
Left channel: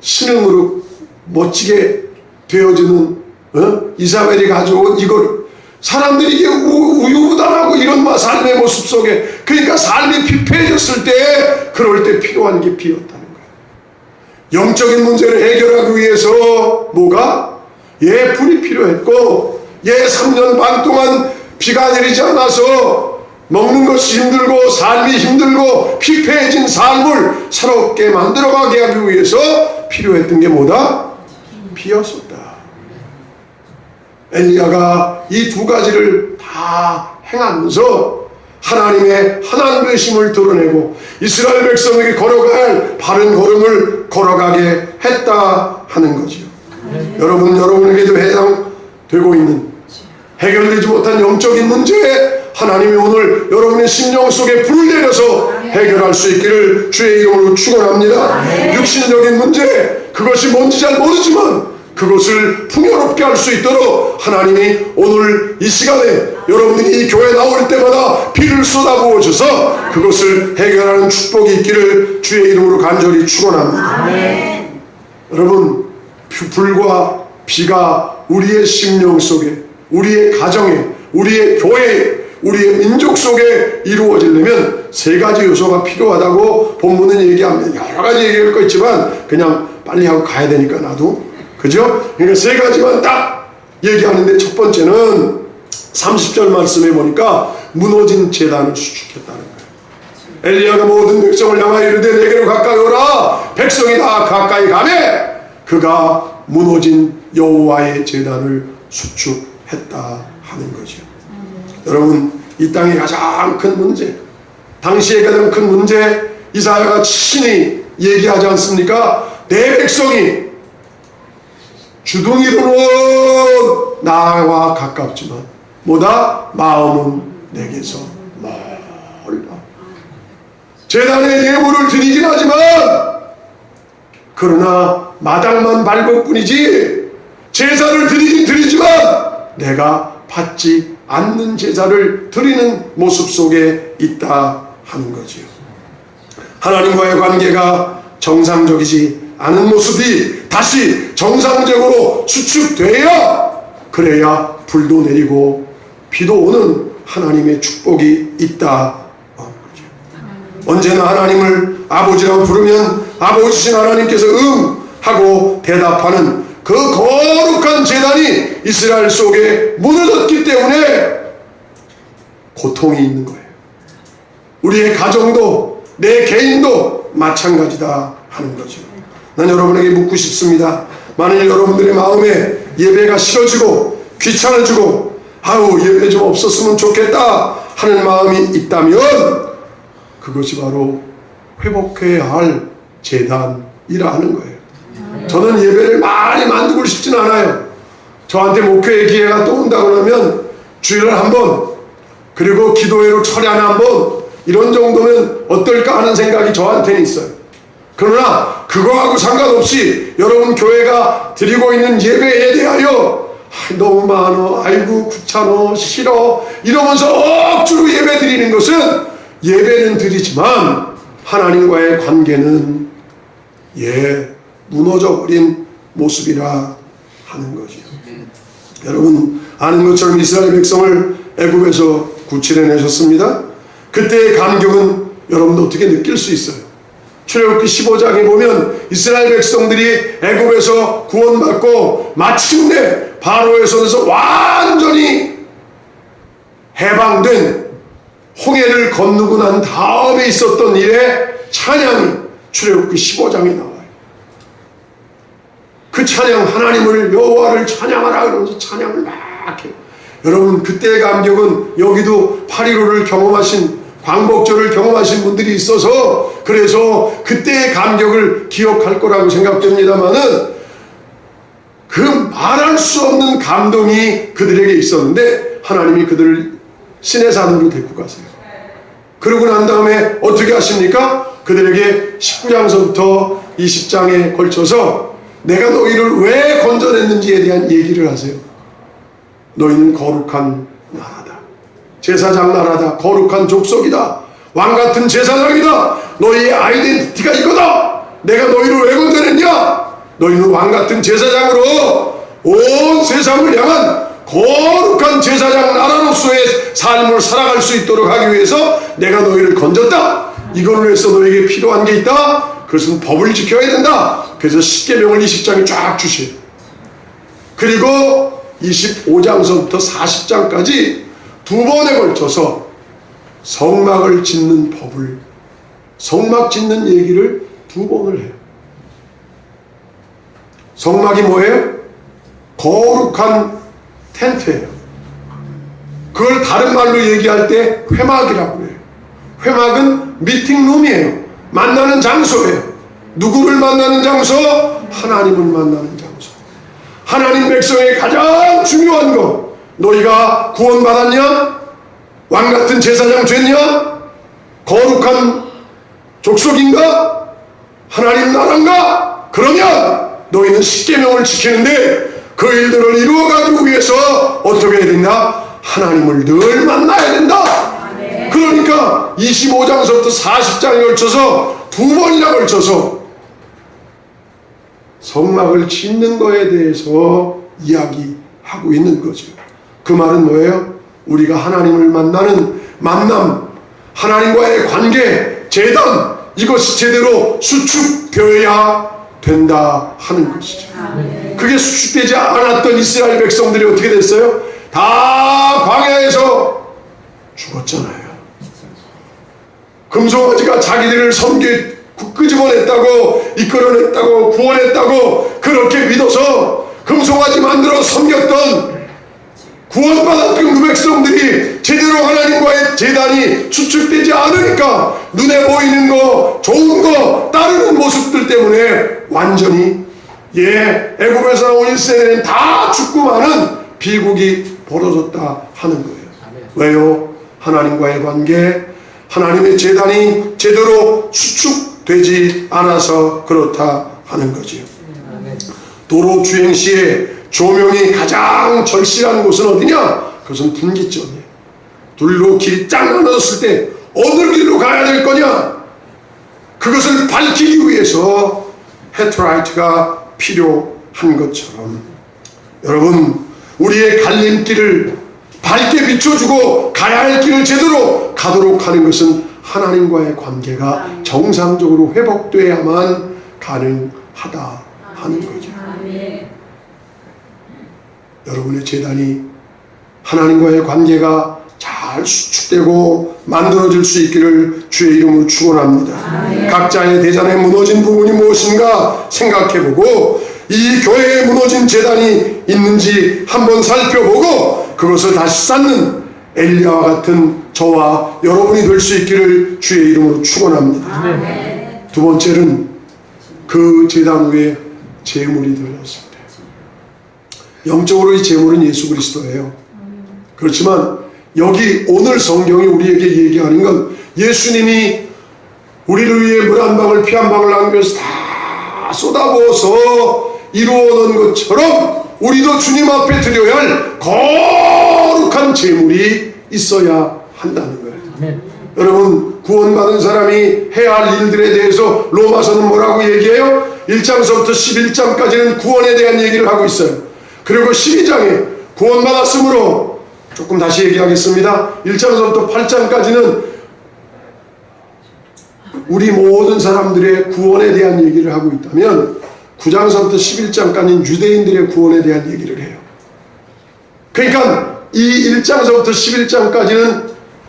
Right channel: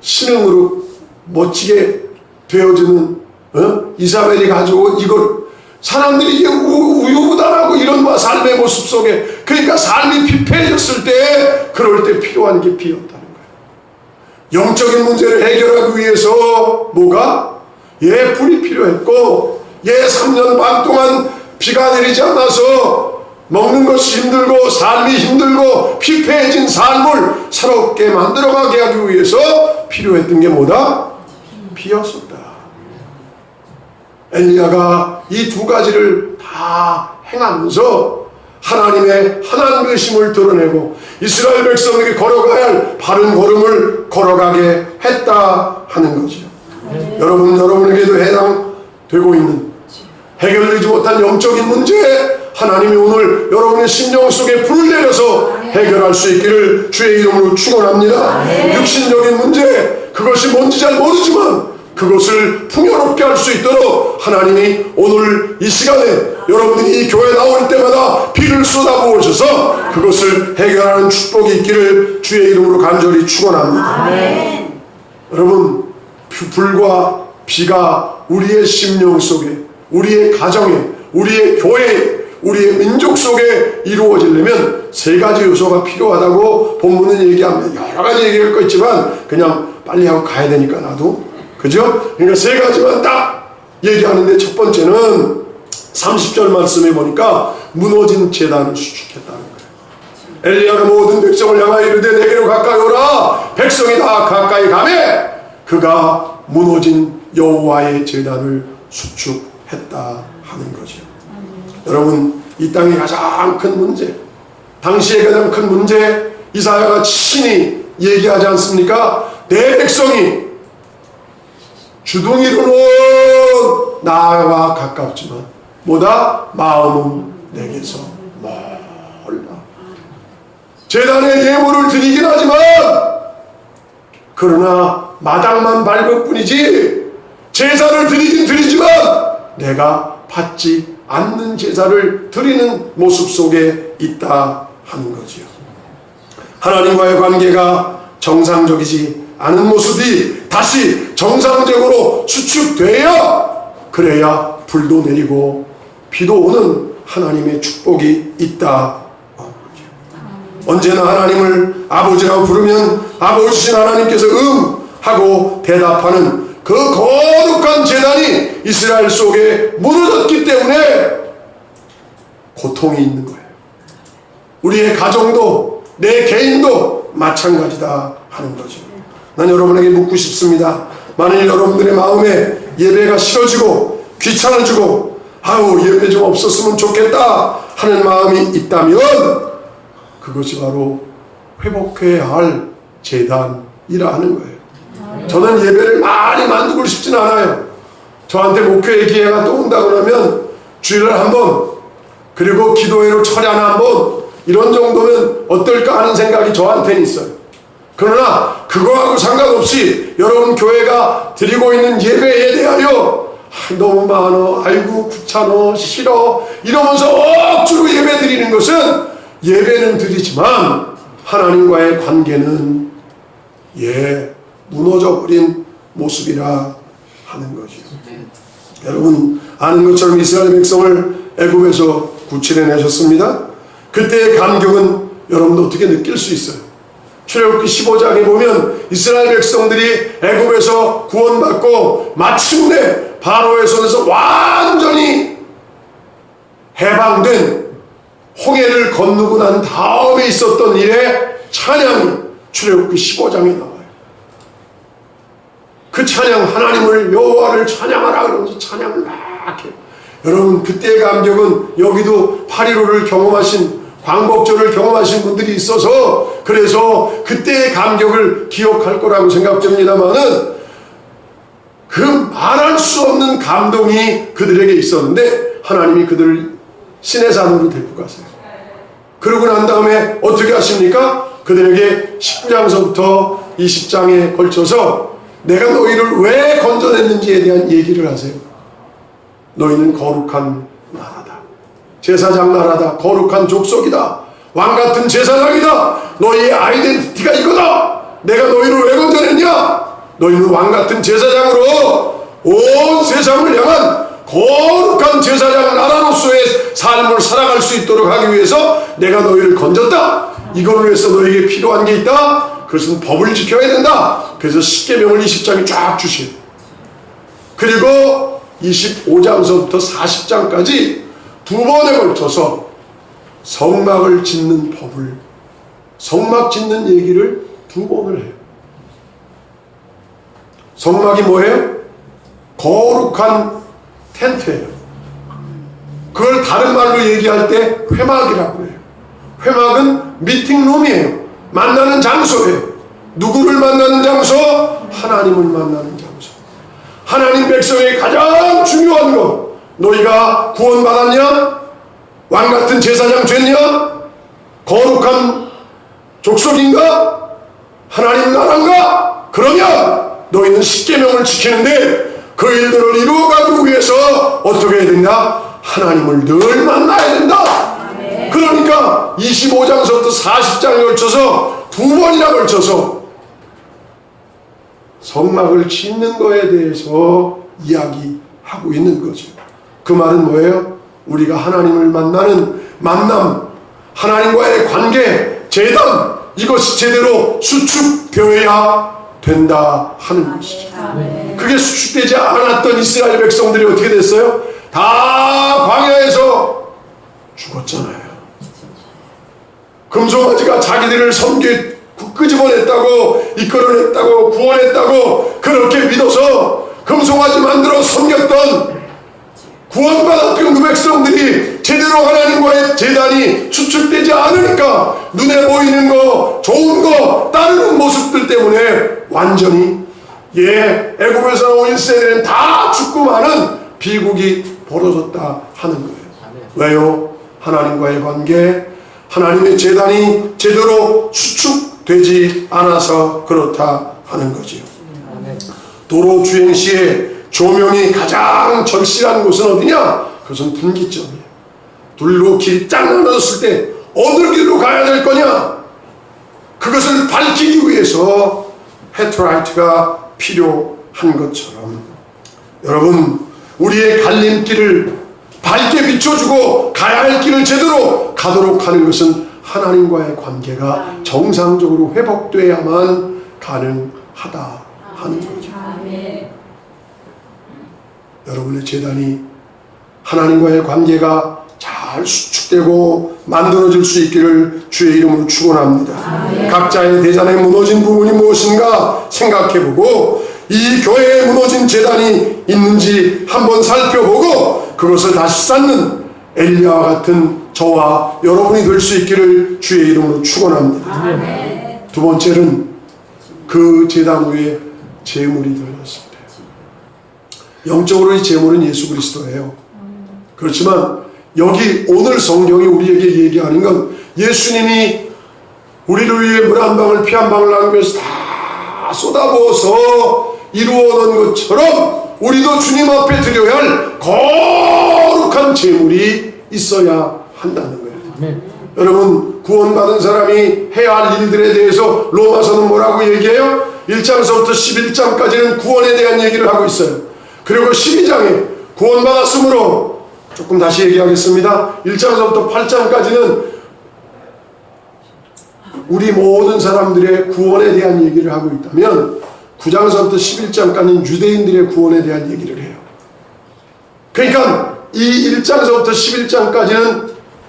신흥으로 멋지게 되어지는 이사벨이 가져온 이걸 사람들이 이게 우유부단하고 이런 삶의 모습 속에, 그러니까 삶이 피폐해졌을 때 그럴 때 필요한 게 비였다는 거예요. 영적인 문제를 해결하기 위해서 뭐가? 불이 필요했고 3년 반 동안 비가 내리지 않아서 먹는 것이 힘들고 삶이 힘들고 피폐해진 삶을 새롭게 만들어가게 하기 위해서 필요했던 게 뭐다? 비였었다. 엘리야가 이 두 가지를 다 행하면서 하나님의 하나님 되심을 드러내고 이스라엘 백성에게 걸어가야 할 바른 걸음을 걸어가게 했다 하는 거죠. 여러분에게도 해당되고 있는 해결되지 못한 영적인 문제에 하나님이 오늘 여러분의 심령 속에 불을 내려서 해결할 수 있기를 주의 이름으로 축원합니다. 육신적인 문제, 그것이 뭔지 잘 모르지만 그것을 풍요롭게 할 수 있도록 하나님이 오늘 이 시간에 여러분이 이 교회 나올 때마다 비를 쏟아부어 주셔서 그것을 해결하는 축복이 있기를 주의 이름으로 간절히 축원합니다. 여러분, 불과 비가 우리의 심령 속에, 우리의 가정에, 우리의 교회에, 우리의 민족 속에 이루어지려면 세 가지 요소가 필요하다고 본문은 얘기합니다. 여러 가지 얘기할 거 있지만 그냥 빨리 하고 가야 되니까 나도, 그죠? 그러니까 세 가지만 딱 얘기하는데, 첫 번째는 30절 말씀에 보니까 무너진 제단을 수축했다는 거예요. 엘리야가 모든 백성을 향하여 이르되 내게로 가까이 오라. 백성이 다 가까이 가매 그가 무너진 여호와의 제단을 수축했다 하는 거죠. 여러분, 이 땅의 가장 큰 문제, 당시의 가장 큰 문제, 이사야가 친히 얘기하지 않습니까? 내 백성이 주둥이로는 나와 가깝지만 뭐다? 마음은 내게서 멀다. 제단에 예물을 드리긴 하지만 그러나 마당만 밟을 뿐이지 제사를 드리긴 드리지만 내가 받지 않는 제사를 드리는 모습 속에 있다 하는 거지요. 하나님과의 관계가 정상적이지 않은 모습이 다시 정상적으로 수축돼야 그래야 불도 내리고 비도 오는 하나님의 축복이 있다. 언제나 하나님을 아버지라고 부르면 아버지신 하나님께서 하고 대답하는 그 거룩한 제단이 이스라엘 속에 무너졌기 때문에 고통이 있는 거예요. 우리의 가정도 내 개인도 마찬가지다 하는 거죠. 난 여러분에게 묻고 싶습니다. 만일 여러분들의 마음에 예배가 싫어지고 귀찮아지고 아우 예배 좀 없었으면 좋겠다 하는 마음이 있다면 그것이 바로 회복해야 할 제단이라 하는 거예요. 저는 예배를 많이 만들고 싶지는 않아요. 저한테 목회의 기회가 또 온다고 하면 주일날 한번 그리고 기도회로 철회 하나 한번 이런 정도면 어떨까 하는 생각이 저한테는 있어요. 그러나 그거하고 상관없이 여러분 교회가 드리고 있는 예배에 대하여 너무 많어, 아이고 귀찮어, 싫어 이러면서 억지로 예배 드리는 것은 예배는 드리지만 하나님과의 관계는 무너져버린 모습이라 하는 거죠. 여러분 아는 것처럼 이스라엘 백성을 애굽에서 구출해내셨습니다. 그때의 감격은 여러분도 어떻게 느낄 수 있어요? 출애굽기 15장에 보면 이스라엘 백성들이 애굽에서 구원받고 마침내 바로의 손에서 완전히 해방된 홍해를 건너고 난 다음에 있었던 일의 찬양이 출애굽기 15장에 나와요. 그 찬양, 하나님을 여호와를 찬양하라 그러면서 찬양을 막 해요. 여러분 그때의 감격은 여기도 8.15를 경험하신 광복절을 경험하신 분들이 있어서 그래서 그때의 감격을 기억할 거라고 생각됩니다만은 그 말할 수 없는 감동이 그들에게 있었는데 하나님이 그들을 시내산으로 데리고 가세요. 그러고 난 다음에 어떻게 하십니까? 그들에게 19장서부터 20장에 걸쳐서 내가 너희를 왜 건져냈는지에 대한 얘기를 하세요. 너희는 거룩한 나라다. 제사장 나라다. 거룩한 족속이다. 왕같은 제사장이다. 너희의 아이덴티티가 이거다. 내가 너희를 왜 건져냈냐? 너희는 왕같은 제사장으로 온 세상을 향한 거룩한 제사장 나라로서의 삶을 살아갈 수 있도록 하기 위해서 내가 너희를 건졌다. 이걸로 해서 너희에게 필요한 게 있다. 그것은 법을 지켜야 된다. 그래서 십계명을 20장에 쫙 주시요. 그리고 25장서부터 40장까지 두 번에 걸쳐서 성막을 짓는 법을, 성막 짓는 얘기를 두 번을 해요. 성막이 뭐예요? 거룩한 텐트예요. 그걸 다른 말로 얘기할 때 회막이라고 해요. 회막은 미팅룸이에요. 만나는 장소예요. 누구를 만나는 장소? 하나님을 만나는 장소. 하나님 백성의 가장 중요한 것, 너희가 구원받았냐? 왕같은 제사장 됐냐? 거룩한 족속인가? 하나님 나라인가? 그러면 너희는 십계명을 지키는데 그 일들을 이루어가기 위해서 어떻게 해야 된다? 하나님을 늘 만나야 된다. 그러니까 25장서부터 40장에 걸쳐서 두 번이나 걸쳐서 성막을 짓는 거에 대해서 이야기하고 있는 거죠. 그 말은 뭐예요? 우리가 하나님을 만나는 만남, 하나님과의 관계, 제단, 이것이 제대로 수축되어야 된다 하는 것이죠. 그게 수축되지 않았던 이스라엘 백성들이 어떻게 됐어요? 다 광야에서 죽었잖아요. 금송아지가 자기들을 섬기 끄집어냈다고, 이끌어냈다고, 구원했다고 그렇게 믿어서 금송아지 만들어 섬겼던 구원받았던 그 백성들이 제대로 하나님과의 재단이 추측되지 않으니까 눈에 보이는 거, 좋은 거 따르는 모습들 때문에 완전히 애굽에서 나온 1세대는 다 죽고 마는 비극이 벌어졌다 하는 거예요. 왜요? 하나님과의 관계, 하나님의 재단이 제대로 수축되지 않아서 그렇다 하는 거지요. 도로 주행 시에 조명이 가장 절실한 곳은 어디냐? 그것은 분기점이에요. 둘로 길이 쫙 나눠졌을 때 어느 길로 가야 될 거냐? 그것을 밝히기 위해서 헤드라이트가 필요한 것처럼, 여러분, 우리의 갈림길을 밝게 비춰주고 가야 할 길을 제대로 가도록 하는 것은 하나님과의 관계가 정상적으로 회복돼야만 가능하다 하는 거죠. 여러분의 재단이 하나님과의 관계가 잘 수축되고 만들어질 수 있기를 주의 이름으로 축원합니다. 각자의 대단에 무너진 부분이 무엇인가 생각해보고 이 교회에 무너진 재단이 있는지 한번 살펴보고 그것을 다시 쌓는 엘리야와 같은 저와 여러분이 될 수 있기를 주의 이름으로 축원합니다. 두 번째는 그 재단 위에 제물이 되어졌습니다. 영적으로 이 제물은 예수 그리스도예요. 그렇지만 여기 오늘 성경이 우리에게 얘기하는 건 예수님이 우리를 위해 물 한 방울 피 한 방울 나누면서 다 쏟아부어서 이루어놓은 것처럼 우리도 주님 앞에 드려야 할 거룩한 제물이 있어야 한다는 거예요. 아멘. 여러분, 구원받은 사람이 해야 할 일들에 대해서 로마서는 뭐라고 얘기해요? 1장서부터 11장까지는 구원에 대한 얘기를 하고 있어요. 그리고 12장에 구원받았으므로, 조금 다시 얘기하겠습니다. 1장서부터 8장까지는 우리 모든 사람들의 구원에 대한 얘기를 하고 있다면 9장서부터 11장까지는 유대인들의 구원에 대한 얘기를 해요. 그러니까 이 1장서부터 11장까지는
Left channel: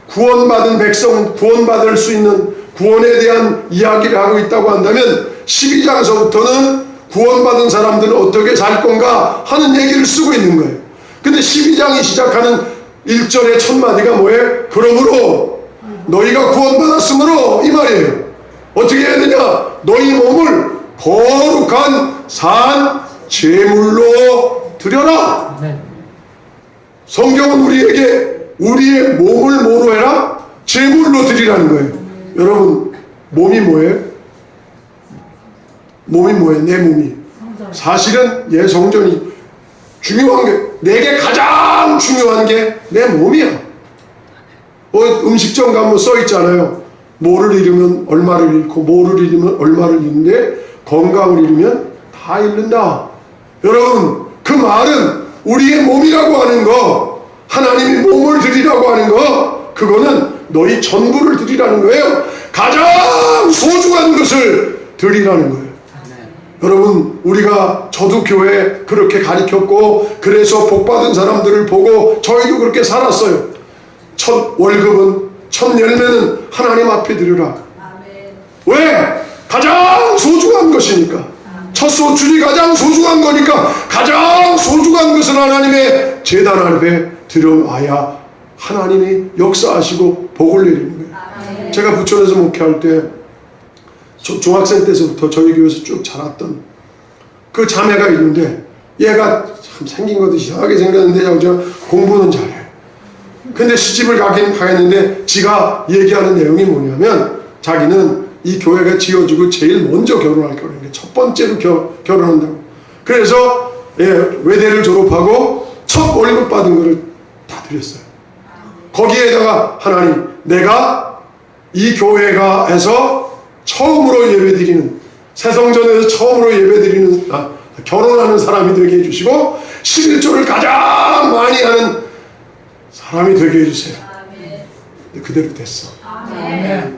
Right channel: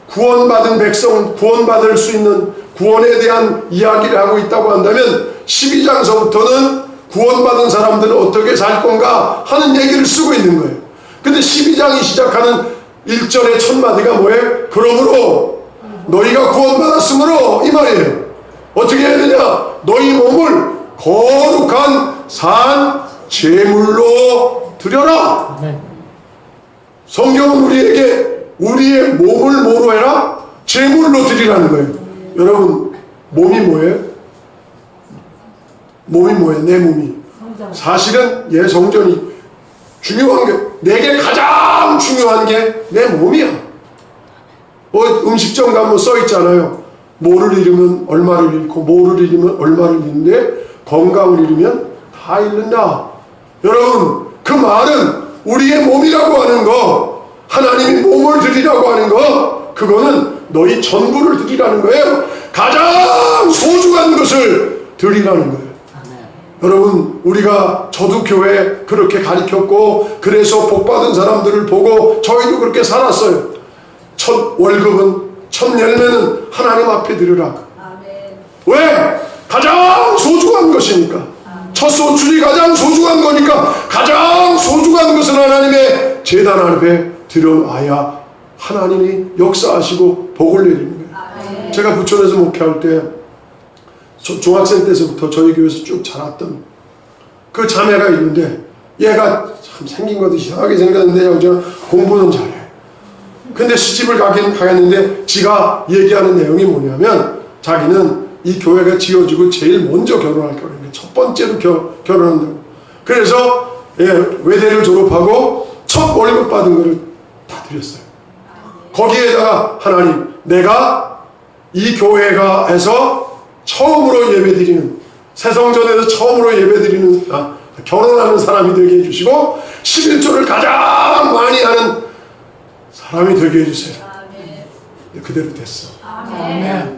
구원받은 백성, 구원받을 수 있는 구원에 대한 이야기를 하고 있다고 한다면 12장서부터는 구원받은 사람들은 어떻게 살 건가 하는 얘기를 쓰고 있는 거예요. 근데 12장이 시작하는 1절의 첫 마디가 뭐예요? 그러므로 너희가 구원받았으므로, 이 말이에요. 어떻게 해야 되냐? 너희 몸을 거룩한 산 제물로 드려라. 네. 성경은 우리에게 우리의 몸을 뭐로 해라? 제물로 드리라는 거예요. 여러분, 몸이 뭐예요? 몸이 뭐예요? 내 몸이. 사실은 성전이 중요한 게, 내게 가장 중요한 게 내 몸이야. 음식점 가면 써 있잖아요. 뭐를 잃으면 얼마를 잃고 뭐를 잃으면 얼마를 잃는데 건강을 잃으면 다 잃는다. 여러분, 그 말은 우리의 몸이라고 하는 거, 하나님이 몸을 드리라고 하는 거, 그거는 너희 전부를 드리라는 거예요. 가장 소중한 것을 드리라는 거예요. 여러분, 우리가 저도 교회 그렇게 가르쳤고 그래서 복받은 사람들을 보고 저희도 그렇게 살았어요. 첫 월급은, 첫 열매는 하나님 앞에 드리라. 왜? 가장 소중한 것이니까. 첫 소출이 가장 소중한 거니까 가장 소중한 것은 하나님의 제단 앞에 들어와야 하나님이 역사하시고 복을 내리는 거예요. 제가 부천에서 목회할 때 중학생 때서부터 저희 교회에서 쭉 자랐던 그 자매가 있는데, 얘가 참 생긴 것도 이상하게 생겼는데 공부는 잘해요. 근데 시집을 가긴 가겠는데 지가 얘기하는 내용이 뭐냐면, 자기는 이 교회가 지어지고 제일 먼저 결혼할 거라는 게, 첫 번째로 결혼한다고. 그래서 외대를 졸업하고 첫 월급 받은 거를 다 드렸어요. 거기에다가 하나님, 내가 이 교회가 해서 처음으로 예배드리는, 새성전에서 처음으로 예배드리는, 결혼하는 사람이 되게 해주시고 11조를 가장 많이 하는 사람이 되게 해주세요. 그대로 됐어. 아멘.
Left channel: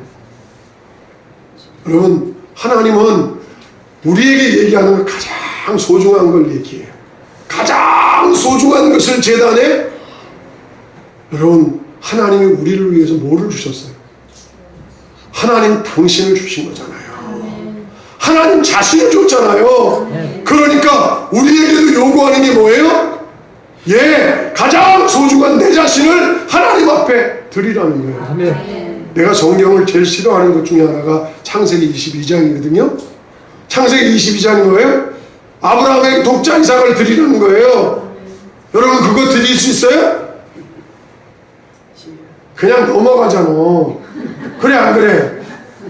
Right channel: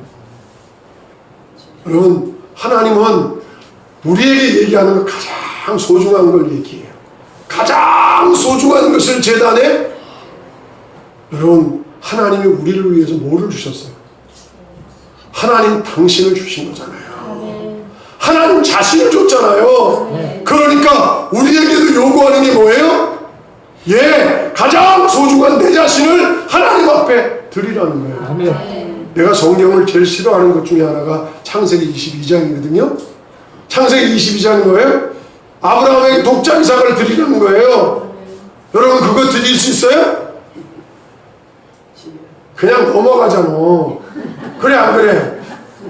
여러분, 하나님은 우리에게 얘기하는 걸 가장 소중한 걸 얘기해요. 가장 소중한 것을 제단에 여러분, 하나님이 우리를 위해서 뭐를 주셨어요? 하나님 당신을 주신 거잖아요. 하나님 자신을 줬잖아요. 그러니까 우리에게도 요구하는 게 뭐예요? 예, 가장 소중한 내 자신을 하나님 앞에 드리라는 거예요. 아멘. 내가 성경을 제일 싫어하는 것 중에 하나가 창세기 22장이거든요. 창세기 22장은 뭐예요? 아브라함에게 독자 이삭을 드리는 거예요. 여러분 그거 드릴 수 있어요? 그냥 넘어가잖아. 그래 안 그래?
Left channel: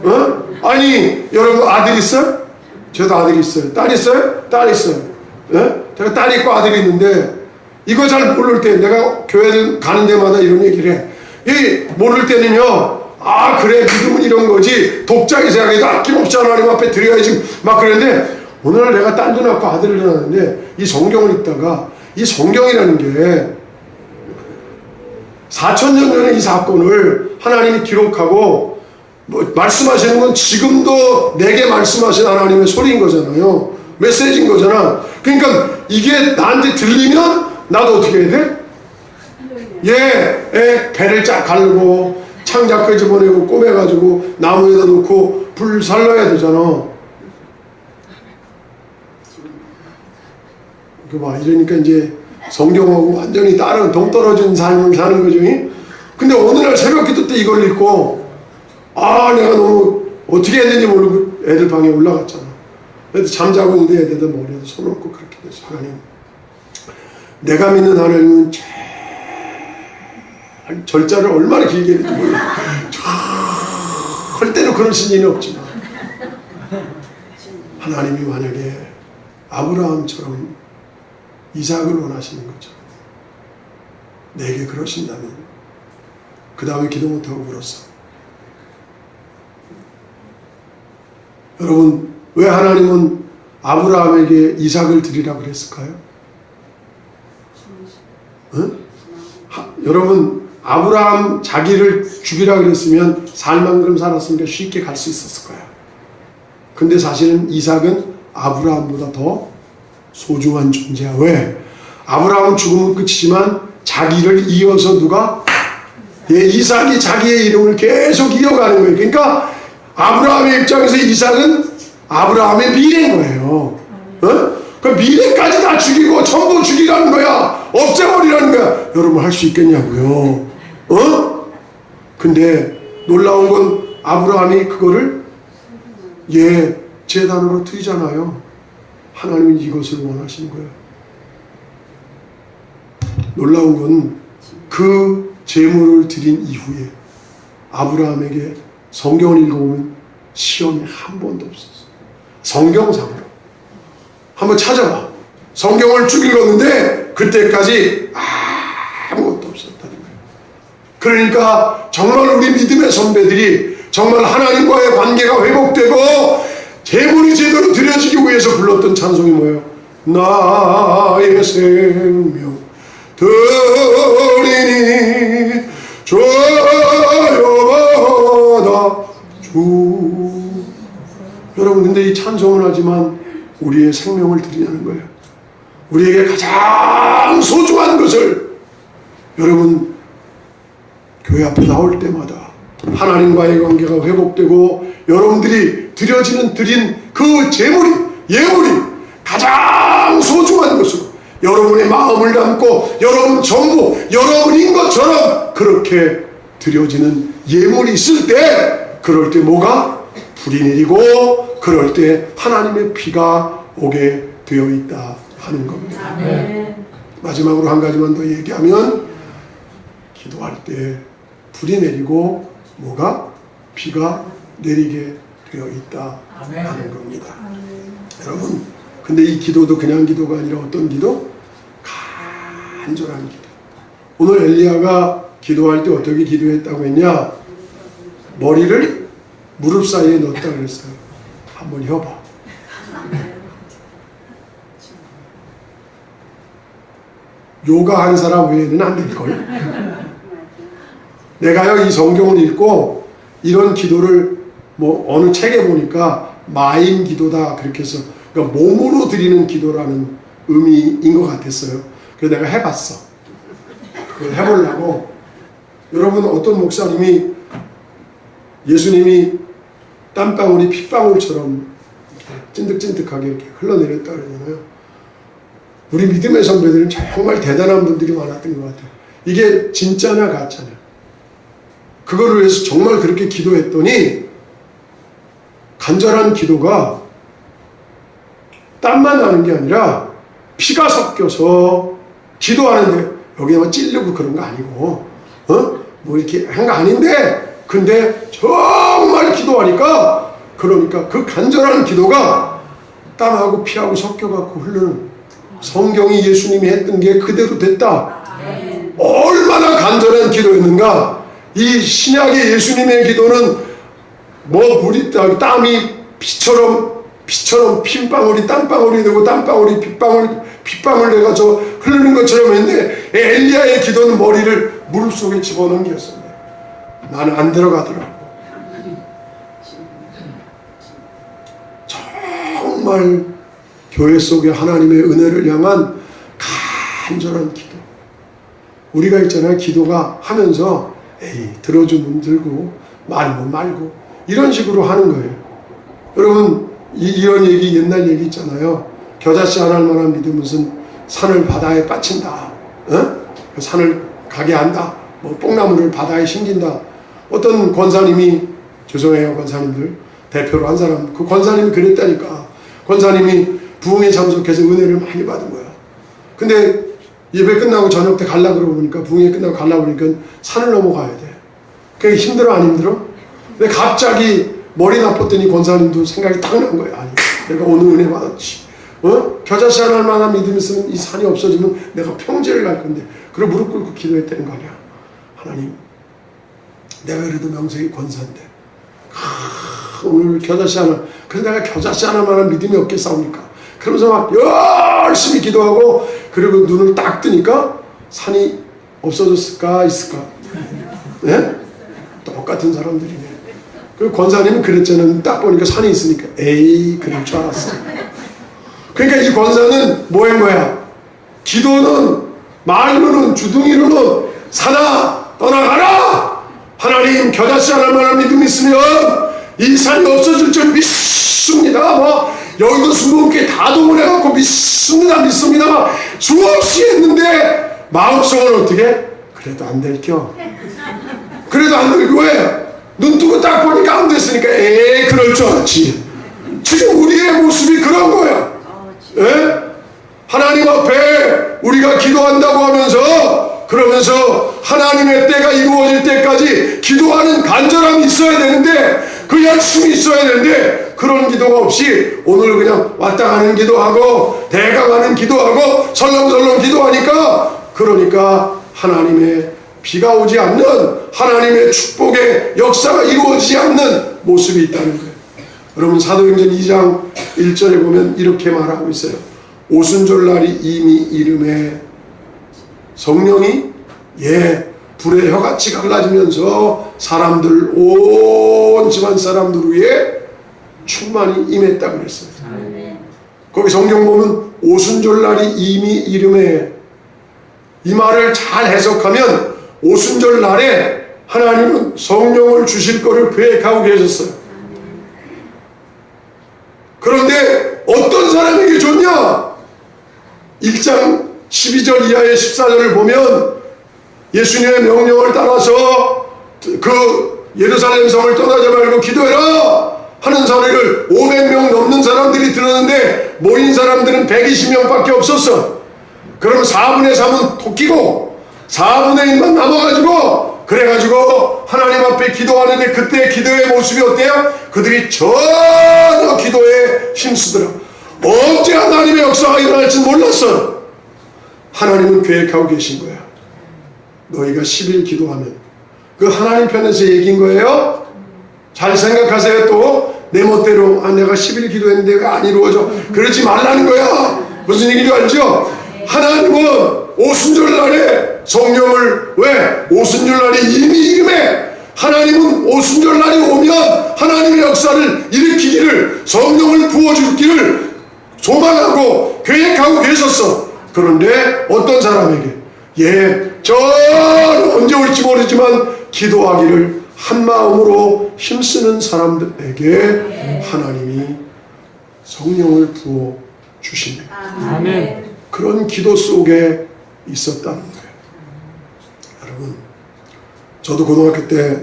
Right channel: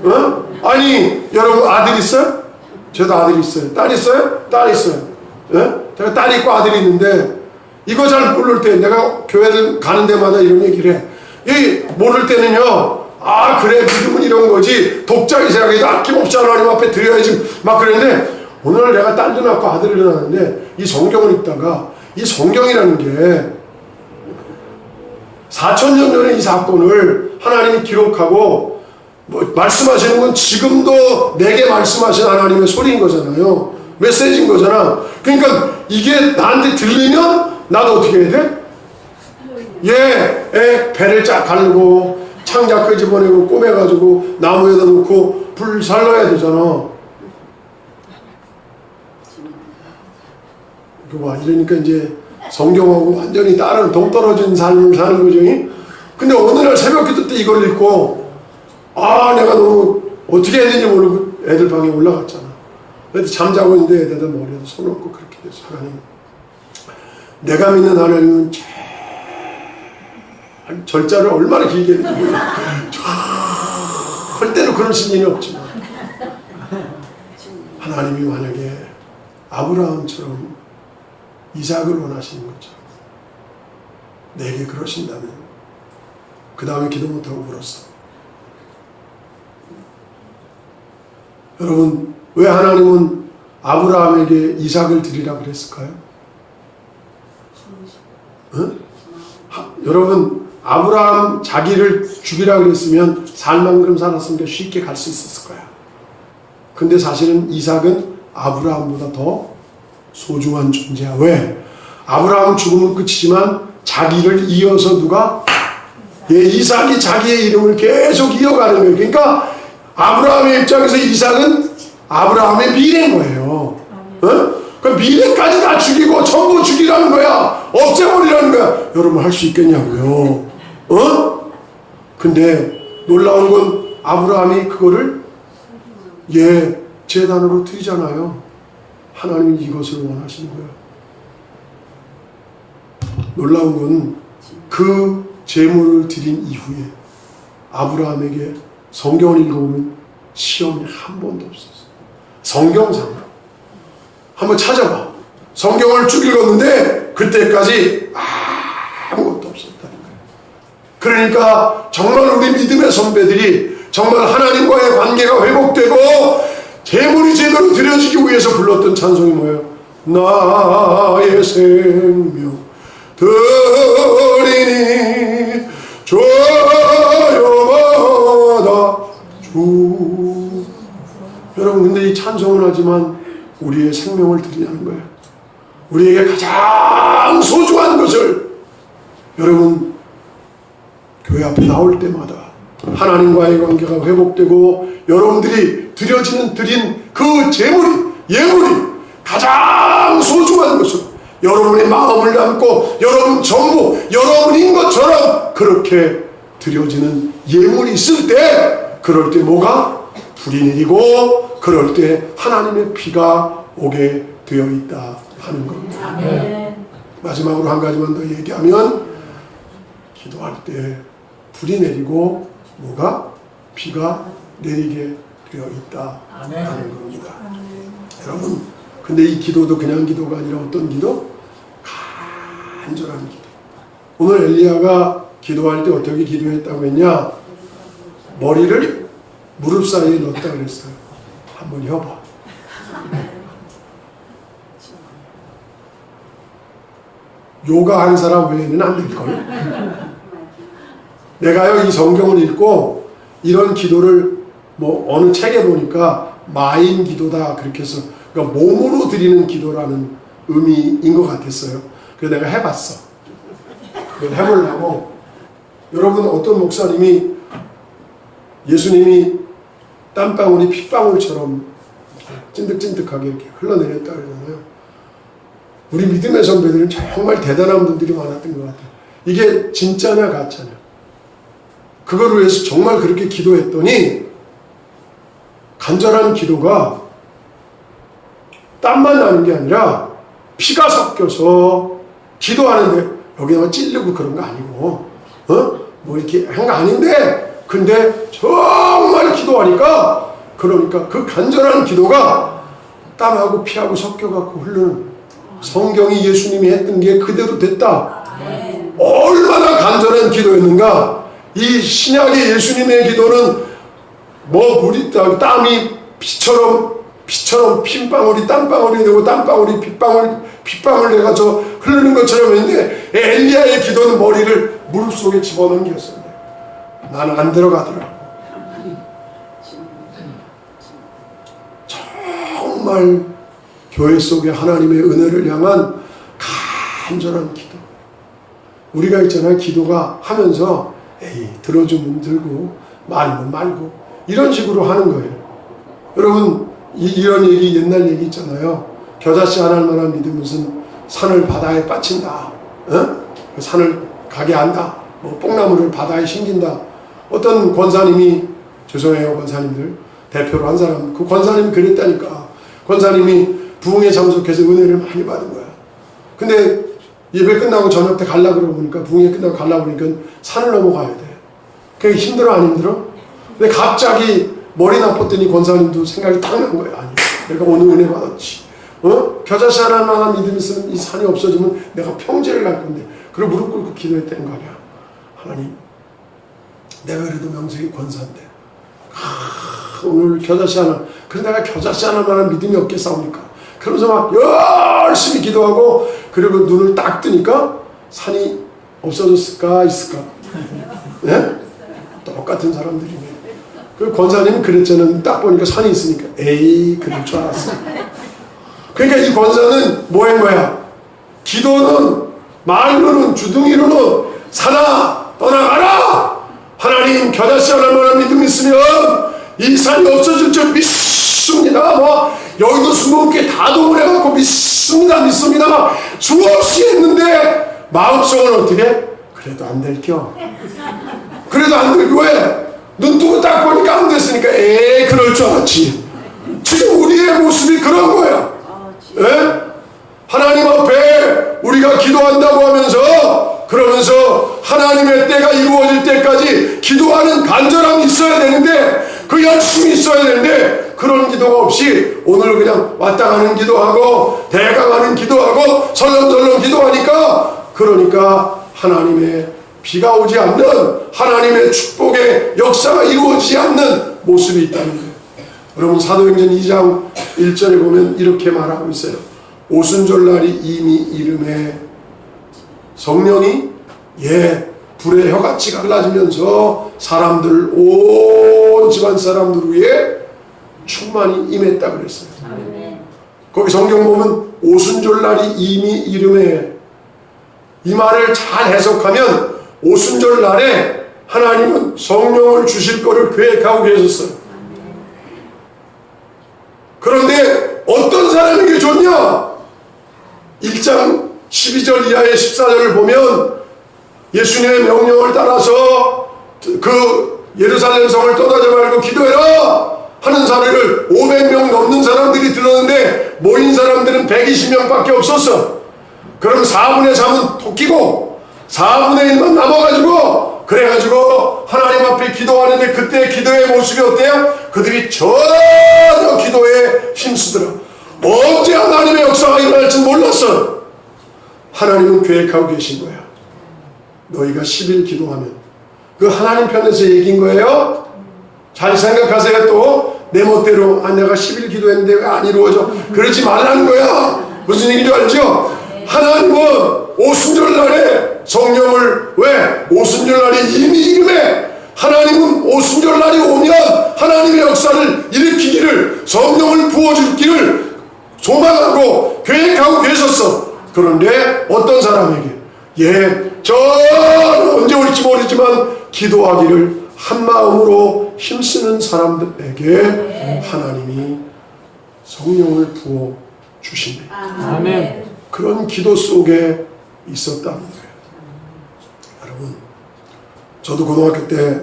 어? 아니 여러분 아들 있어요? 저도 아들 있어요. 딸 있어요? 딸 있어요. 어? 제가 딸 있고 아들이 있는데 이거 잘 모를 때 내가 교회를 가는 데마다 이런 얘기를 해. 이 모를 때는요. 아 그래 믿음은 이런 거지. 독자의 생각에도 아낌없이 하나님 앞에 드려야지 막 그러는데 오늘 내가 딸도 낳고 아들을 낳았는데 이 성경을 읽다가 이 성경이라는 게 4,000년 전에 이 사건을 하나님이 기록하고 뭐 말씀하시는 건 지금도 내게 말씀하신 하나님의 소리인 거잖아요. 메시지인 거잖아. 그러니까 이게 나한테 들리면 나도 어떻게 해야 돼? 배를 쫙 가르고 창자 끄집어내고 꼬매가지고 나무에다 놓고 불 살려야 되잖아. 이거 봐. 이러니까 이제 성경하고 완전히 다른 동떨어진 삶을 사는 거죠. 근데 어느 날 새벽 기도 때 이걸 읽고 아 내가 너무 어떻게 했는지 모르고 애들 방에 올라갔잖아. 애들 잠자고 있는데 애들 머리에 손 얹고 그렇게 돼서 하나님 내가 믿는 하나님은 절자를 얼마나 길게 믿는 거야. 절대로 그러신 일이 없지만 하나님이 만약에 아브라함처럼 이삭을 원하시는 것처럼 내게 그러신다면 그 다음에 기도 못하고 울었어. 여러분 왜 하나님은 아브라함에게 이삭을 드리라 그랬을까요? 응? 여러분 아브라함 자기를 죽이라 그랬으면 살만큼 살았으니까 쉽게 갈 수 있었을 거야. 근데 사실은 이삭은 아브라함보다 더 소중한 존재야. 왜? 아브라함 죽으면 끝이지만 자기를 이어서 누가? 이삭이 자기의 이름을 계속 이어가는 거예요. 그러니까 아브라함의 입장에서 이삭은 아브라함의 미래인 거예요. 그 미래까지 다 죽이고 전부 죽이라는 거야. 없애버리라는 거야. 여러분 할 수 있겠냐고요. 근데 놀라운 건 아브라함이 그거를 제단으로 드리잖아요. 하나님은 이것을 원하시는 거예요. 놀라운 건 그 제물을 드린 이후에 아브라함에게 성경을 읽어보면 시험이 한 번도 없었어요. 성경상으로 한번 찾아봐. 성경을 쭉 읽었는데 그때까지 아무것도 없었다는 거예요. 그러니까 정말 우리 믿음의 선배들이 정말 하나님과의 관계가 회복되고 제물이 제대로 드려지기 위해서 불렀던 찬송이 뭐예요? 나의 생명 드리니 저여마다 주. 여러분 근데 이 찬송은 하지만 우리의 생명을 드리냐는 거예요. 우리에게 가장 소중한 것을 여러분 교회 앞에 나올 때마다 하나님과의 관계가 회복되고 여러분들이 드린 그 제물이 예물이 가장 소중한 것으로 여러분의 마음을 담고 여러분 전부 여러분인 것처럼 그렇게 드려지는 예물이 있을 때 그럴 때 뭐가? 불이 내리고 그럴 때 하나님의 피가 오게 되어 있다 하는 겁니다. 마지막으로 한 가지만 더 얘기하면 기도할 때 불이 내리고 뭐가? 피가 내리게 되어 있다 하는 겁니다. 여러분 근데 이 기도도 그냥 기도가 아니라 어떤 기도? 간절한 기도. 오늘 엘리야가 기도할 때 어떻게 기도했다고 했냐? 머리를 무릎 사이에 넣었다 그랬어요. 한번 해봐. 요가 한 사람 외에는 안 될걸. 내가요 이 성경을 읽고 이런 기도를 뭐 어느 책에 보니까 마인 기도다 그렇게 해서 그러니까 몸으로 드리는 기도라는 의미인 것 같았어요. 그래서 내가 해봤어. 그걸 해보려고 여러분 어떤 목사님이 예수님이 땀방울이 핏방울처럼 찐득찐득하게 이렇게 흘러내렸다 그러잖아요. 우리 믿음의 선배들은 정말 대단한 분들이 많았던 것 같아요. 이게 진짜냐 가짜냐. 그거를 위해서 정말 그렇게 기도했더니 간절한 기도가 땀만 나는 게 아니라 피가 섞여서 기도하는데 여기에만 찔르고 그런 거 아니고 뭐 이렇게 한 거 아닌데 근데 정말 기도하니까 그러니까 그 간절한 기도가 땀하고 피하고 섞여갖고 흐르는 성경이 예수님이 했던 게 그대로 됐다. 얼마나 간절한 기도였는가. 이 신약의 예수님의 기도는 뭐 물이 땀이 피처럼 핏방울이 땀방울이 되고 땀방울이 핏방울 돼가서 흐르는 것처럼 했는데 엘리야의 기도는 머리를 물 속에 집어넣겼어요. 나는 안 들어가더라고. 정말 교회 속에 하나님의 은혜를 향한 간절한 기도. 우리가 있잖아요. 기도가 하면서 에이 들어주면 들고 말면 말고 이런 식으로 하는 거예요. 여러분 이런 얘기 옛날 얘기 있잖아요. 겨자씨 안 할 만한 믿음 무슨 산을 바다에 빠친다. 그 산을 가게 한다. 뭐 뽕나무를 바다에 심긴다. 어떤 권사님이 죄송해요 권사님들 대표로 한 사람 그 권사님이 그랬다니까. 권사님이 부흥에 참석해서 은혜를 많이 받은 거야. 근데 예배 끝나고 저녁 때 가려고 그러니까 부흥회 끝나고 가려고 그러니까 산을 넘어가야 돼. 그게 힘들어 안 힘들어? 근데 갑자기 머리 나빴더니 권사님도 생각이 딱 난 거야. 아니 내가 오늘 은혜 받았지. 겨자씨 하나 만한 믿음이 있으면 이 산이 없어지면 내가 평지를 갈 건데 그걸 무릎 꿇고 기도했다는 거 아니야. 하나님 내가 그래도 명색이 권사인데 오늘 겨자씨 하나 그래서 내가 겨자씨 하나만한 믿음이 없겠사옵니까? 그러면서 막 열심히 기도하고 그리고 눈을 딱 뜨니까 산이 없어졌을까 있을까? 네? 똑같은 사람들이네. 그 권사님은 그랬잖아요. 딱 보니까 산이 있으니까 에이 그럴 줄 알았어. 그러니까 이 권사는 뭐인 거야? 기도는 말로는 주둥이로는 산아 떠나가라. 하나님 겨자씨 하나만한 믿음이 있으면 이 산이 없어질 줄 믿습니다. 뭐 여기도 20개 다 동원해갖고 믿습니다 막 수없이 했는데 마음속은 어떻게? 그래도 안 될겨. 그래도 안 될겨. 왜? 눈 뜨고 딱 보니까 안 됐으니까 에이 그럴 줄 알았지. 지금 우리의 모습이 그런 거야. 예? 하나님 앞에 우리가 기도한다고 하면서 그러면서 하나님의 때가 이루어질 때까지 기도하는 간절함이 있어야 되는데 그 열심이 있어야 되는데 그런 기도가 없이 오늘 그냥 왔다 가는 기도하고 대강하는 기도하고 설렁설렁 기도하니까 그러니까 하나님의 비가 오지 않는 하나님의 축복의 역사가 이루어지지 않는 모습이 있다는 거예요. 여러분 사도행전 2장 1절에 보면 이렇게 말하고 있어요. 오순절날이 이미 이름에 성령이 불의 혀같이 갈라지면서 사람들 온 집안 사람들 위에 충만히 임했다 그랬어요. 거기 성경 보면 오순절날이 이미 이름에 이 말을 잘 해석하면 오순절날에 하나님은 성령을 주실 거를 계획하고 계셨어요. 그런데 어떤 사람에게 줬냐? 1장 12절 이하의 14절을 보면 예수님의 명령을 따라서 그 예루살렘 성을 떠나지 말고 기도해라 하는 사례를 500명 넘는 사람들이 들었는데 모인 사람들은 120명밖에 없었어. 그럼 4분의 3은 토끼고 4분의 1만 남아가지고 그래가지고 하나님 앞에 기도하는데 그때 기도의 모습이 어때요? 그들이 전혀 기도에 힘쓰더라. 언제 하나님의 역사가 일어날지 몰랐어. 하나님은 계획하고 계신 거야. 너희가 10일 기도하면 그 하나님 편에서 얘기인 거예요. 잘 생각하세요. 또 내 멋대로 내가 10일 기도했는데 왜 안 이루어져? 그러지 말라는 거야. 무슨 얘기인지 알죠? 하나님은 오순절날에 성령을 왜? 오순절날이 이미 이름에 하나님은 오순절날이 오면 하나님의 역사를 일으키기를 성령을 부어주기를 소망하고 계획하고 계셨어. 그런데 어떤 사람에게 저 언제 올지 모르지만 기도하기를 한 마음으로 힘쓰는 사람들에게 하나님이 성령을 부어 주십니다. 아멘. 그런 기도 속에 있었다는 거예요. 여러분, 저도 고등학교 때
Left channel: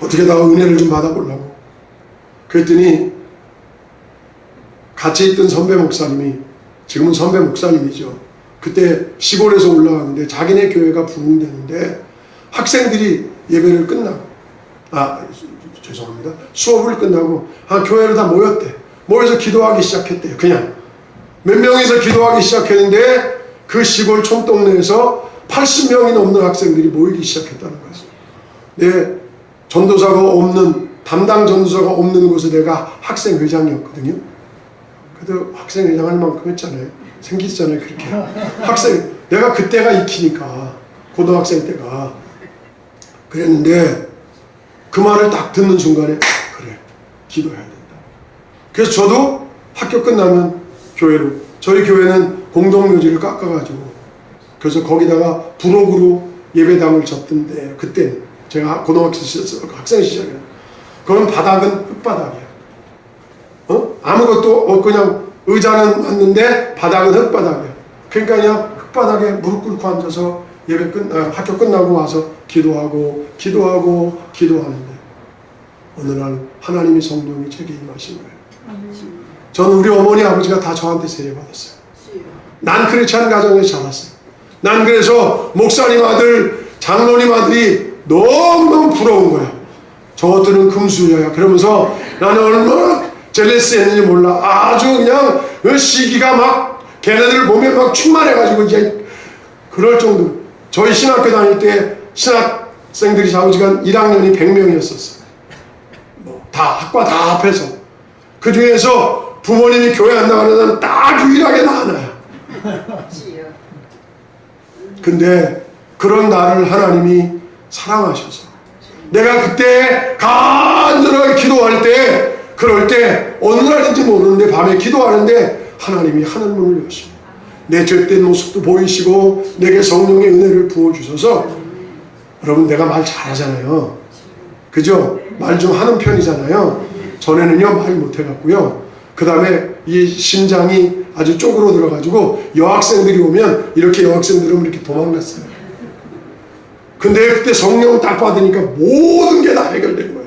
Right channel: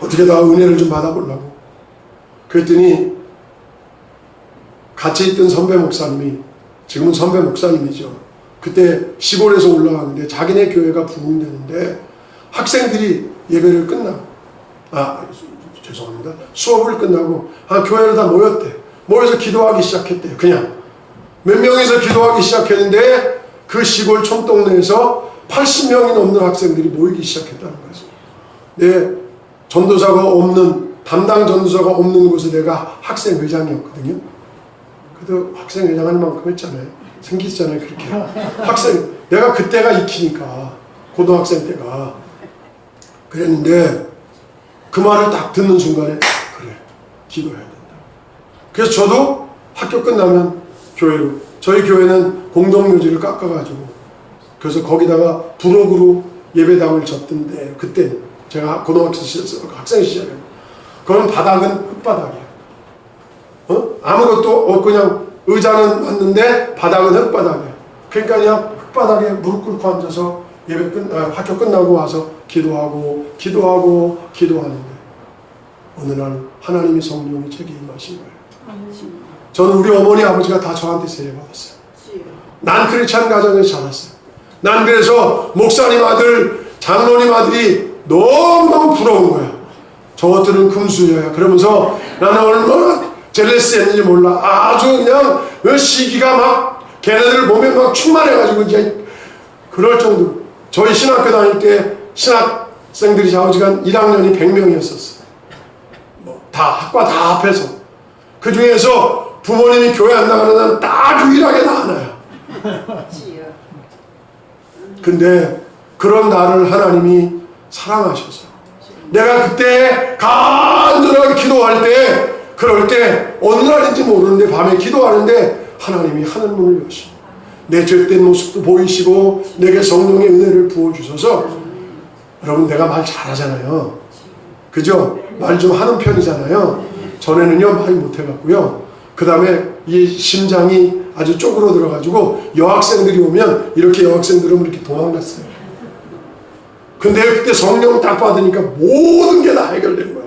어떻게 다 은혜를 좀 받아보려고 그랬더니 같이 있던 선배 목사님이, 지금은 선배 목사님이죠. 그때 시골에서 올라왔는데 자기네 교회가 부흥되는데 학생들이 예배를 끝나고, 죄송합니다. 수업을 끝나고 교회로 다 모였대. 모여서 기도하기 시작했대요. 그냥 몇 명이서 기도하기 시작했는데 그 시골 촌동네에서 80명이 넘는 학생들이 모이기 시작했다는 거죠. 내 전도사가 없는, 담당 전도사가 없는 곳에 내가 학생회장이었거든요. 그래도 학생회장 할 만큼 했잖아요. 생기잖아요. 그렇게 내가 그때가 익히니까, 고등학생 때가 그랬는데 그 말을 딱 듣는 순간에 그래, 기도해야 된다. 그래서 저도 학교 끝나면 교회로, 저희 교회는 공동묘지를 깎아가지고 그래서 거기다가 부록으로 예배당을 졌던데, 그때 제가 고등학생 학생 시절에 그건 바닥은 흙바닥이야. 아무것도 그냥 의자는 맞는데 바닥은 흙바닥이야. 그러니까 그냥 흙바닥에 무릎 꿇고 앉아서 학교 끝나고 와서 기도하는데 어느 날 하나님의 성령이 제게 임하신 거예요. 저는 우리 어머니 아버지가 다 저한테 세례받았어요. 난 그렇지 않은 가정에서 자랐어요. 난 그래서 목사님 아들, 장로님 아들이 너무너무 부러운 거야. 저것들은 금수저야. 그러면서 나는 얼마나 젤레스했는지 몰라. 아주 그냥 시기가 막 걔네들 보면 막 충만해가지고 이제 그럴 정도로. 저희 신학교 다닐 때 신학생들이 좌우지간 1학년이 100명이었었어요. 다 학과 다 합해서. 그 중에서 부모님이 교회 안 나가는 사람은 딱 유일하게 나 하나야. 근데 그런 나를 하나님이 사랑하셔서 내가 그때 간절하게 기도할 때, 그럴 때 어느 날인지 모르는데 밤에 기도하는데 하나님이 하늘문을 여시고 내 죄된 모습도 보이시고 내게 성령의 은혜를 부어주셔서, 여러분 내가 말 잘하잖아요. 그죠? 말 좀 하는 편이잖아요. 전에는요 말 못해갖고요. 그 다음에 이 심장이 아주 쪼그러 들어가지고 여학생들이 오면 이렇게, 여학생들은 이렇게 도망갔어요. 근데 그때 성령 딱 받으니까 모든 게 다 해결된 거야.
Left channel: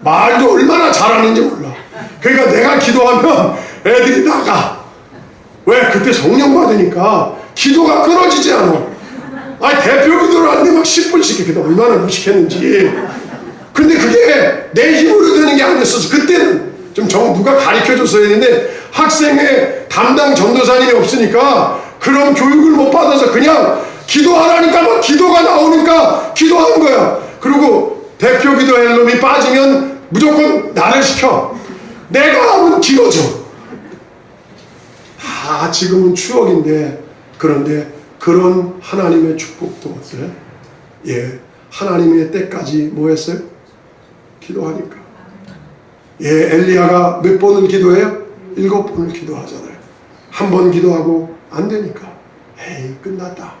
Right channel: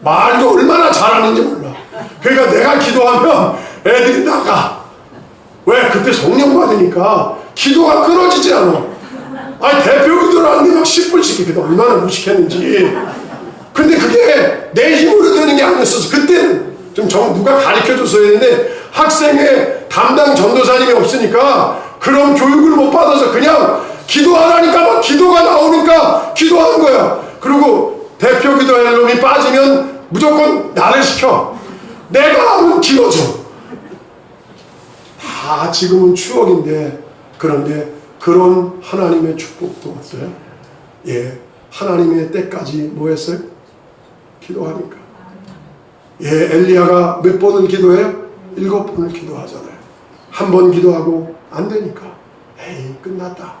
말도 얼마나 잘하는지 몰라. 그러니까 내가 기도하면 애들이 나가. 왜? 그때 성령 받으니까 기도가 끊어지지 않아. 대표 기도를 하는데 막 10분씩 기도 얼마나 무식했는지. 근데 그게 내 힘으로 되는 게 아니었어서, 그때는 좀 누가 가르쳐줬어야 했는데 학생회 담당 전도사님이 없으니까 그런 교육을 못 받아서 그냥 기도하라니까 막 기도가 나오니까 기도하는 거야. 그리고 대표 기도할 놈이 빠지면 무조건 나를 시켜. 내가 하면 길어져. 다 지금은 추억인데, 그런데 그런 하나님의 축복도 어때요? 하나님의 때까지 뭐 했어요? 기도하니까. 엘리야가 몇 번을 기도해요? 7번을 기도하잖아요. 한 번 기도하고 안 되니까 에이 끝났다.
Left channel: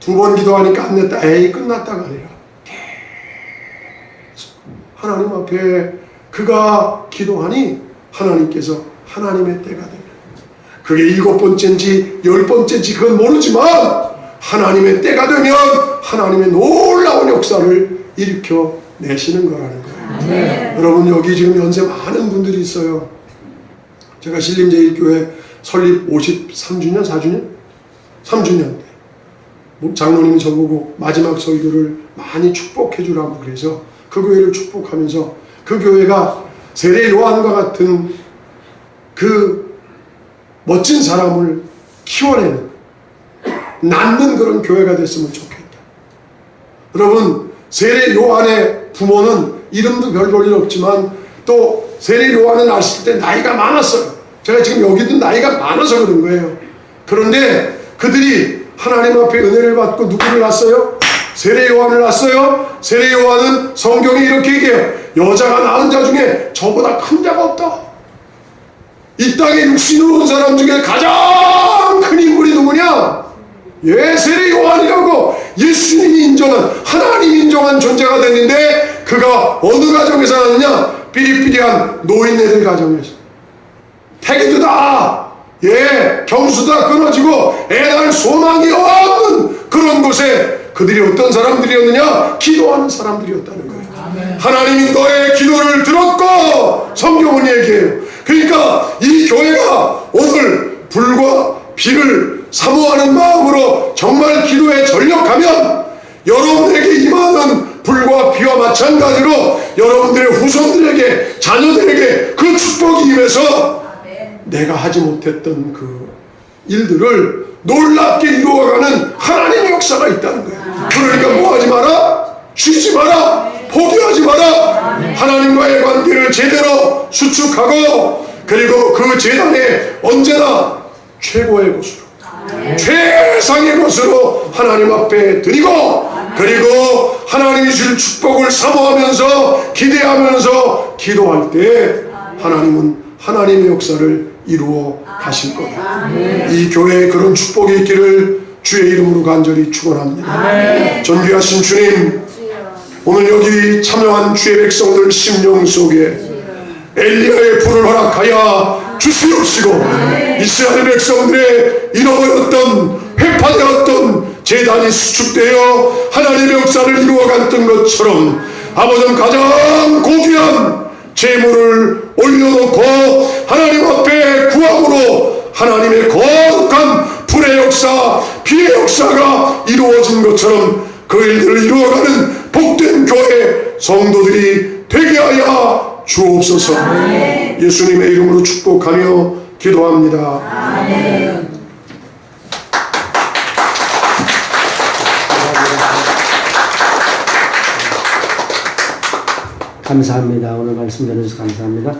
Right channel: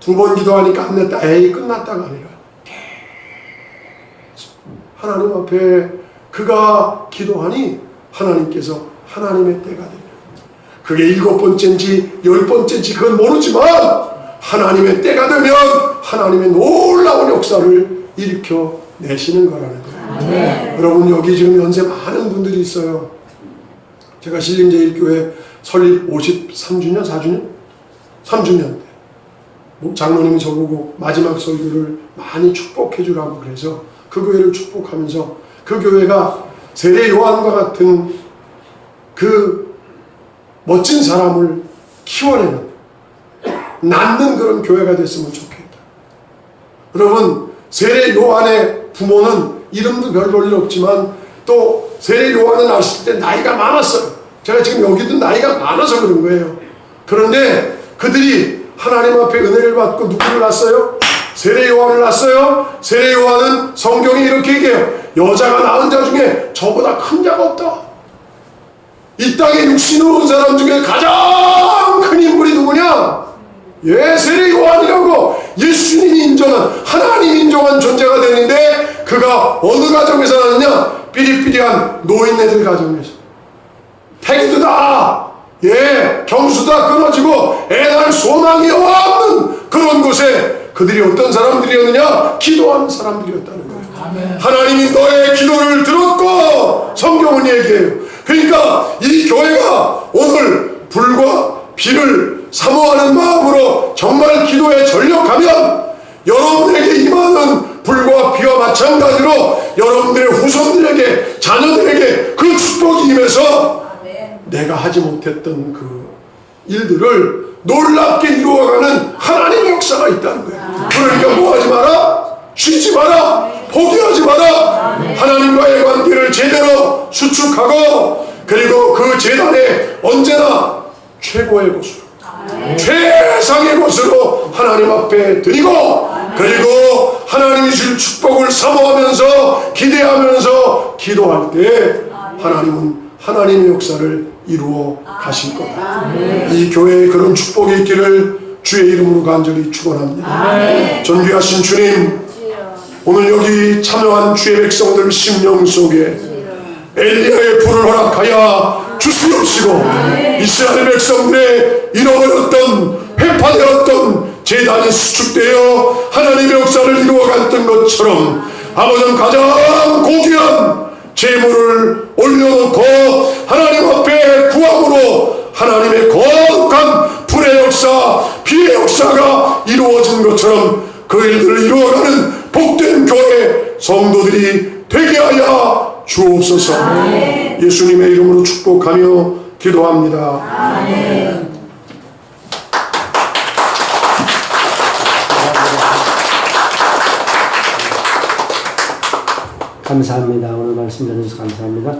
2번 기도하니까 안 됐다. 에이 끝났다가 아니라 계속 하나님 앞에 그가 기도하니 하나님께서 하나님의 때가 됩니다. 그게 7번째인지 10번째인지 그건 모르지만 하나님의 때가 되면 하나님의 놀라운 역사를 일으켜 내시는 거라는 거예요. 여러분 여기 지금 연세 많은 분들이 있어요. 제가 신림제일교회 설립 53주년? 4주년? 3주년 때 장로님이 저보고 마지막 설교를 많이 축복해 주라고 그래서 그 교회를 축복하면서 그 교회가 세례 요한과 같은 그 멋진 사람을 키워내는, 낳는 그런 교회가 됐으면 좋겠다. 여러분 세례 요한의 부모는 이름도 별 볼 일 없지만 또 세례 요한을 낳았을 때 나이가 많았어요. 제가 지금 여기도 나이가 많아서 그런 거예요. 그런데 그들이 하나님 앞에 은혜를 받고 누구를 낳았어요? 세례 요한을 낳았어요. 세례 요한은 성경에 이렇게 얘기해요. 여자가 낳은 자 중에 저보다 큰 자가 없다. 이 땅에 육신으로 온 사람 중에 가장 큰 인물이 누구냐? 세례 요한이라고 예수님이 인정한, 하나님이 인정한 존재가 됐는데 그가 어느 가정에서 나느냐? 삐리삐리한 노인네들 가정에서. 태기도 다 경수 다 끊어지고 애날 소망이 없는 그런 곳에 그들이 어떤 사람들이었느냐? 기도하는 사람들이었다는 거예요. 하나님이 너의 기도를 들었고, 성경은 얘기해요. 그러니까 이 교회가 오늘 불과 비를 사모하는 마음으로 정말 기도에 전력하면 여러분에게 임하는 불과 비와 마찬가지로 여러분들의 후손들에게, 자녀들에게 그 축복이 임해서 내가 하지 못했던 그 일들을 놀랍게 이루어가는 하나님의 역사가 있다는 거예요. 그러니까 뭐 하지 마라? 쉬지 마라. 포기하지 마라. 하나님과의 관계를 제대로 수축하고, 그리고 그 제단에 언제나 최고의 곳으로, 최상의 곳으로 하나님 앞에 드리고, 그리고 하나님이 줄 축복을 사모하면서 기대하면서 기도할 때 하나님은 하나님의 역사를 이루어 가실 거다. 이 교회에 그런 축복이 있기를 주의 이름으로 간절히 축원합니다. 존귀하신 주님, 오늘 여기 참여한 주의 백성들 심령 속에 엘리야의 불을 허락하여 주시옵시고, 이스라엘 백성들의 잃어버렸던, 회파되었던 제단이 수축되어 하나님의 역사를 이루어갔던 것처럼 아버지 가장 고귀한 제물을 올려놓고 하나님 앞에 구함으로 하나님의 거룩한 불의 역사, 비의 역사가 이루어진 것처럼 그 일들을 이루어가는 복된 교회 성도들이 되게 하여 주옵소서. 예수님의 이름으로 축복하며 기도합니다. 아멘. 감사합니다. 오늘 말씀 들어주셔서 감사합니다.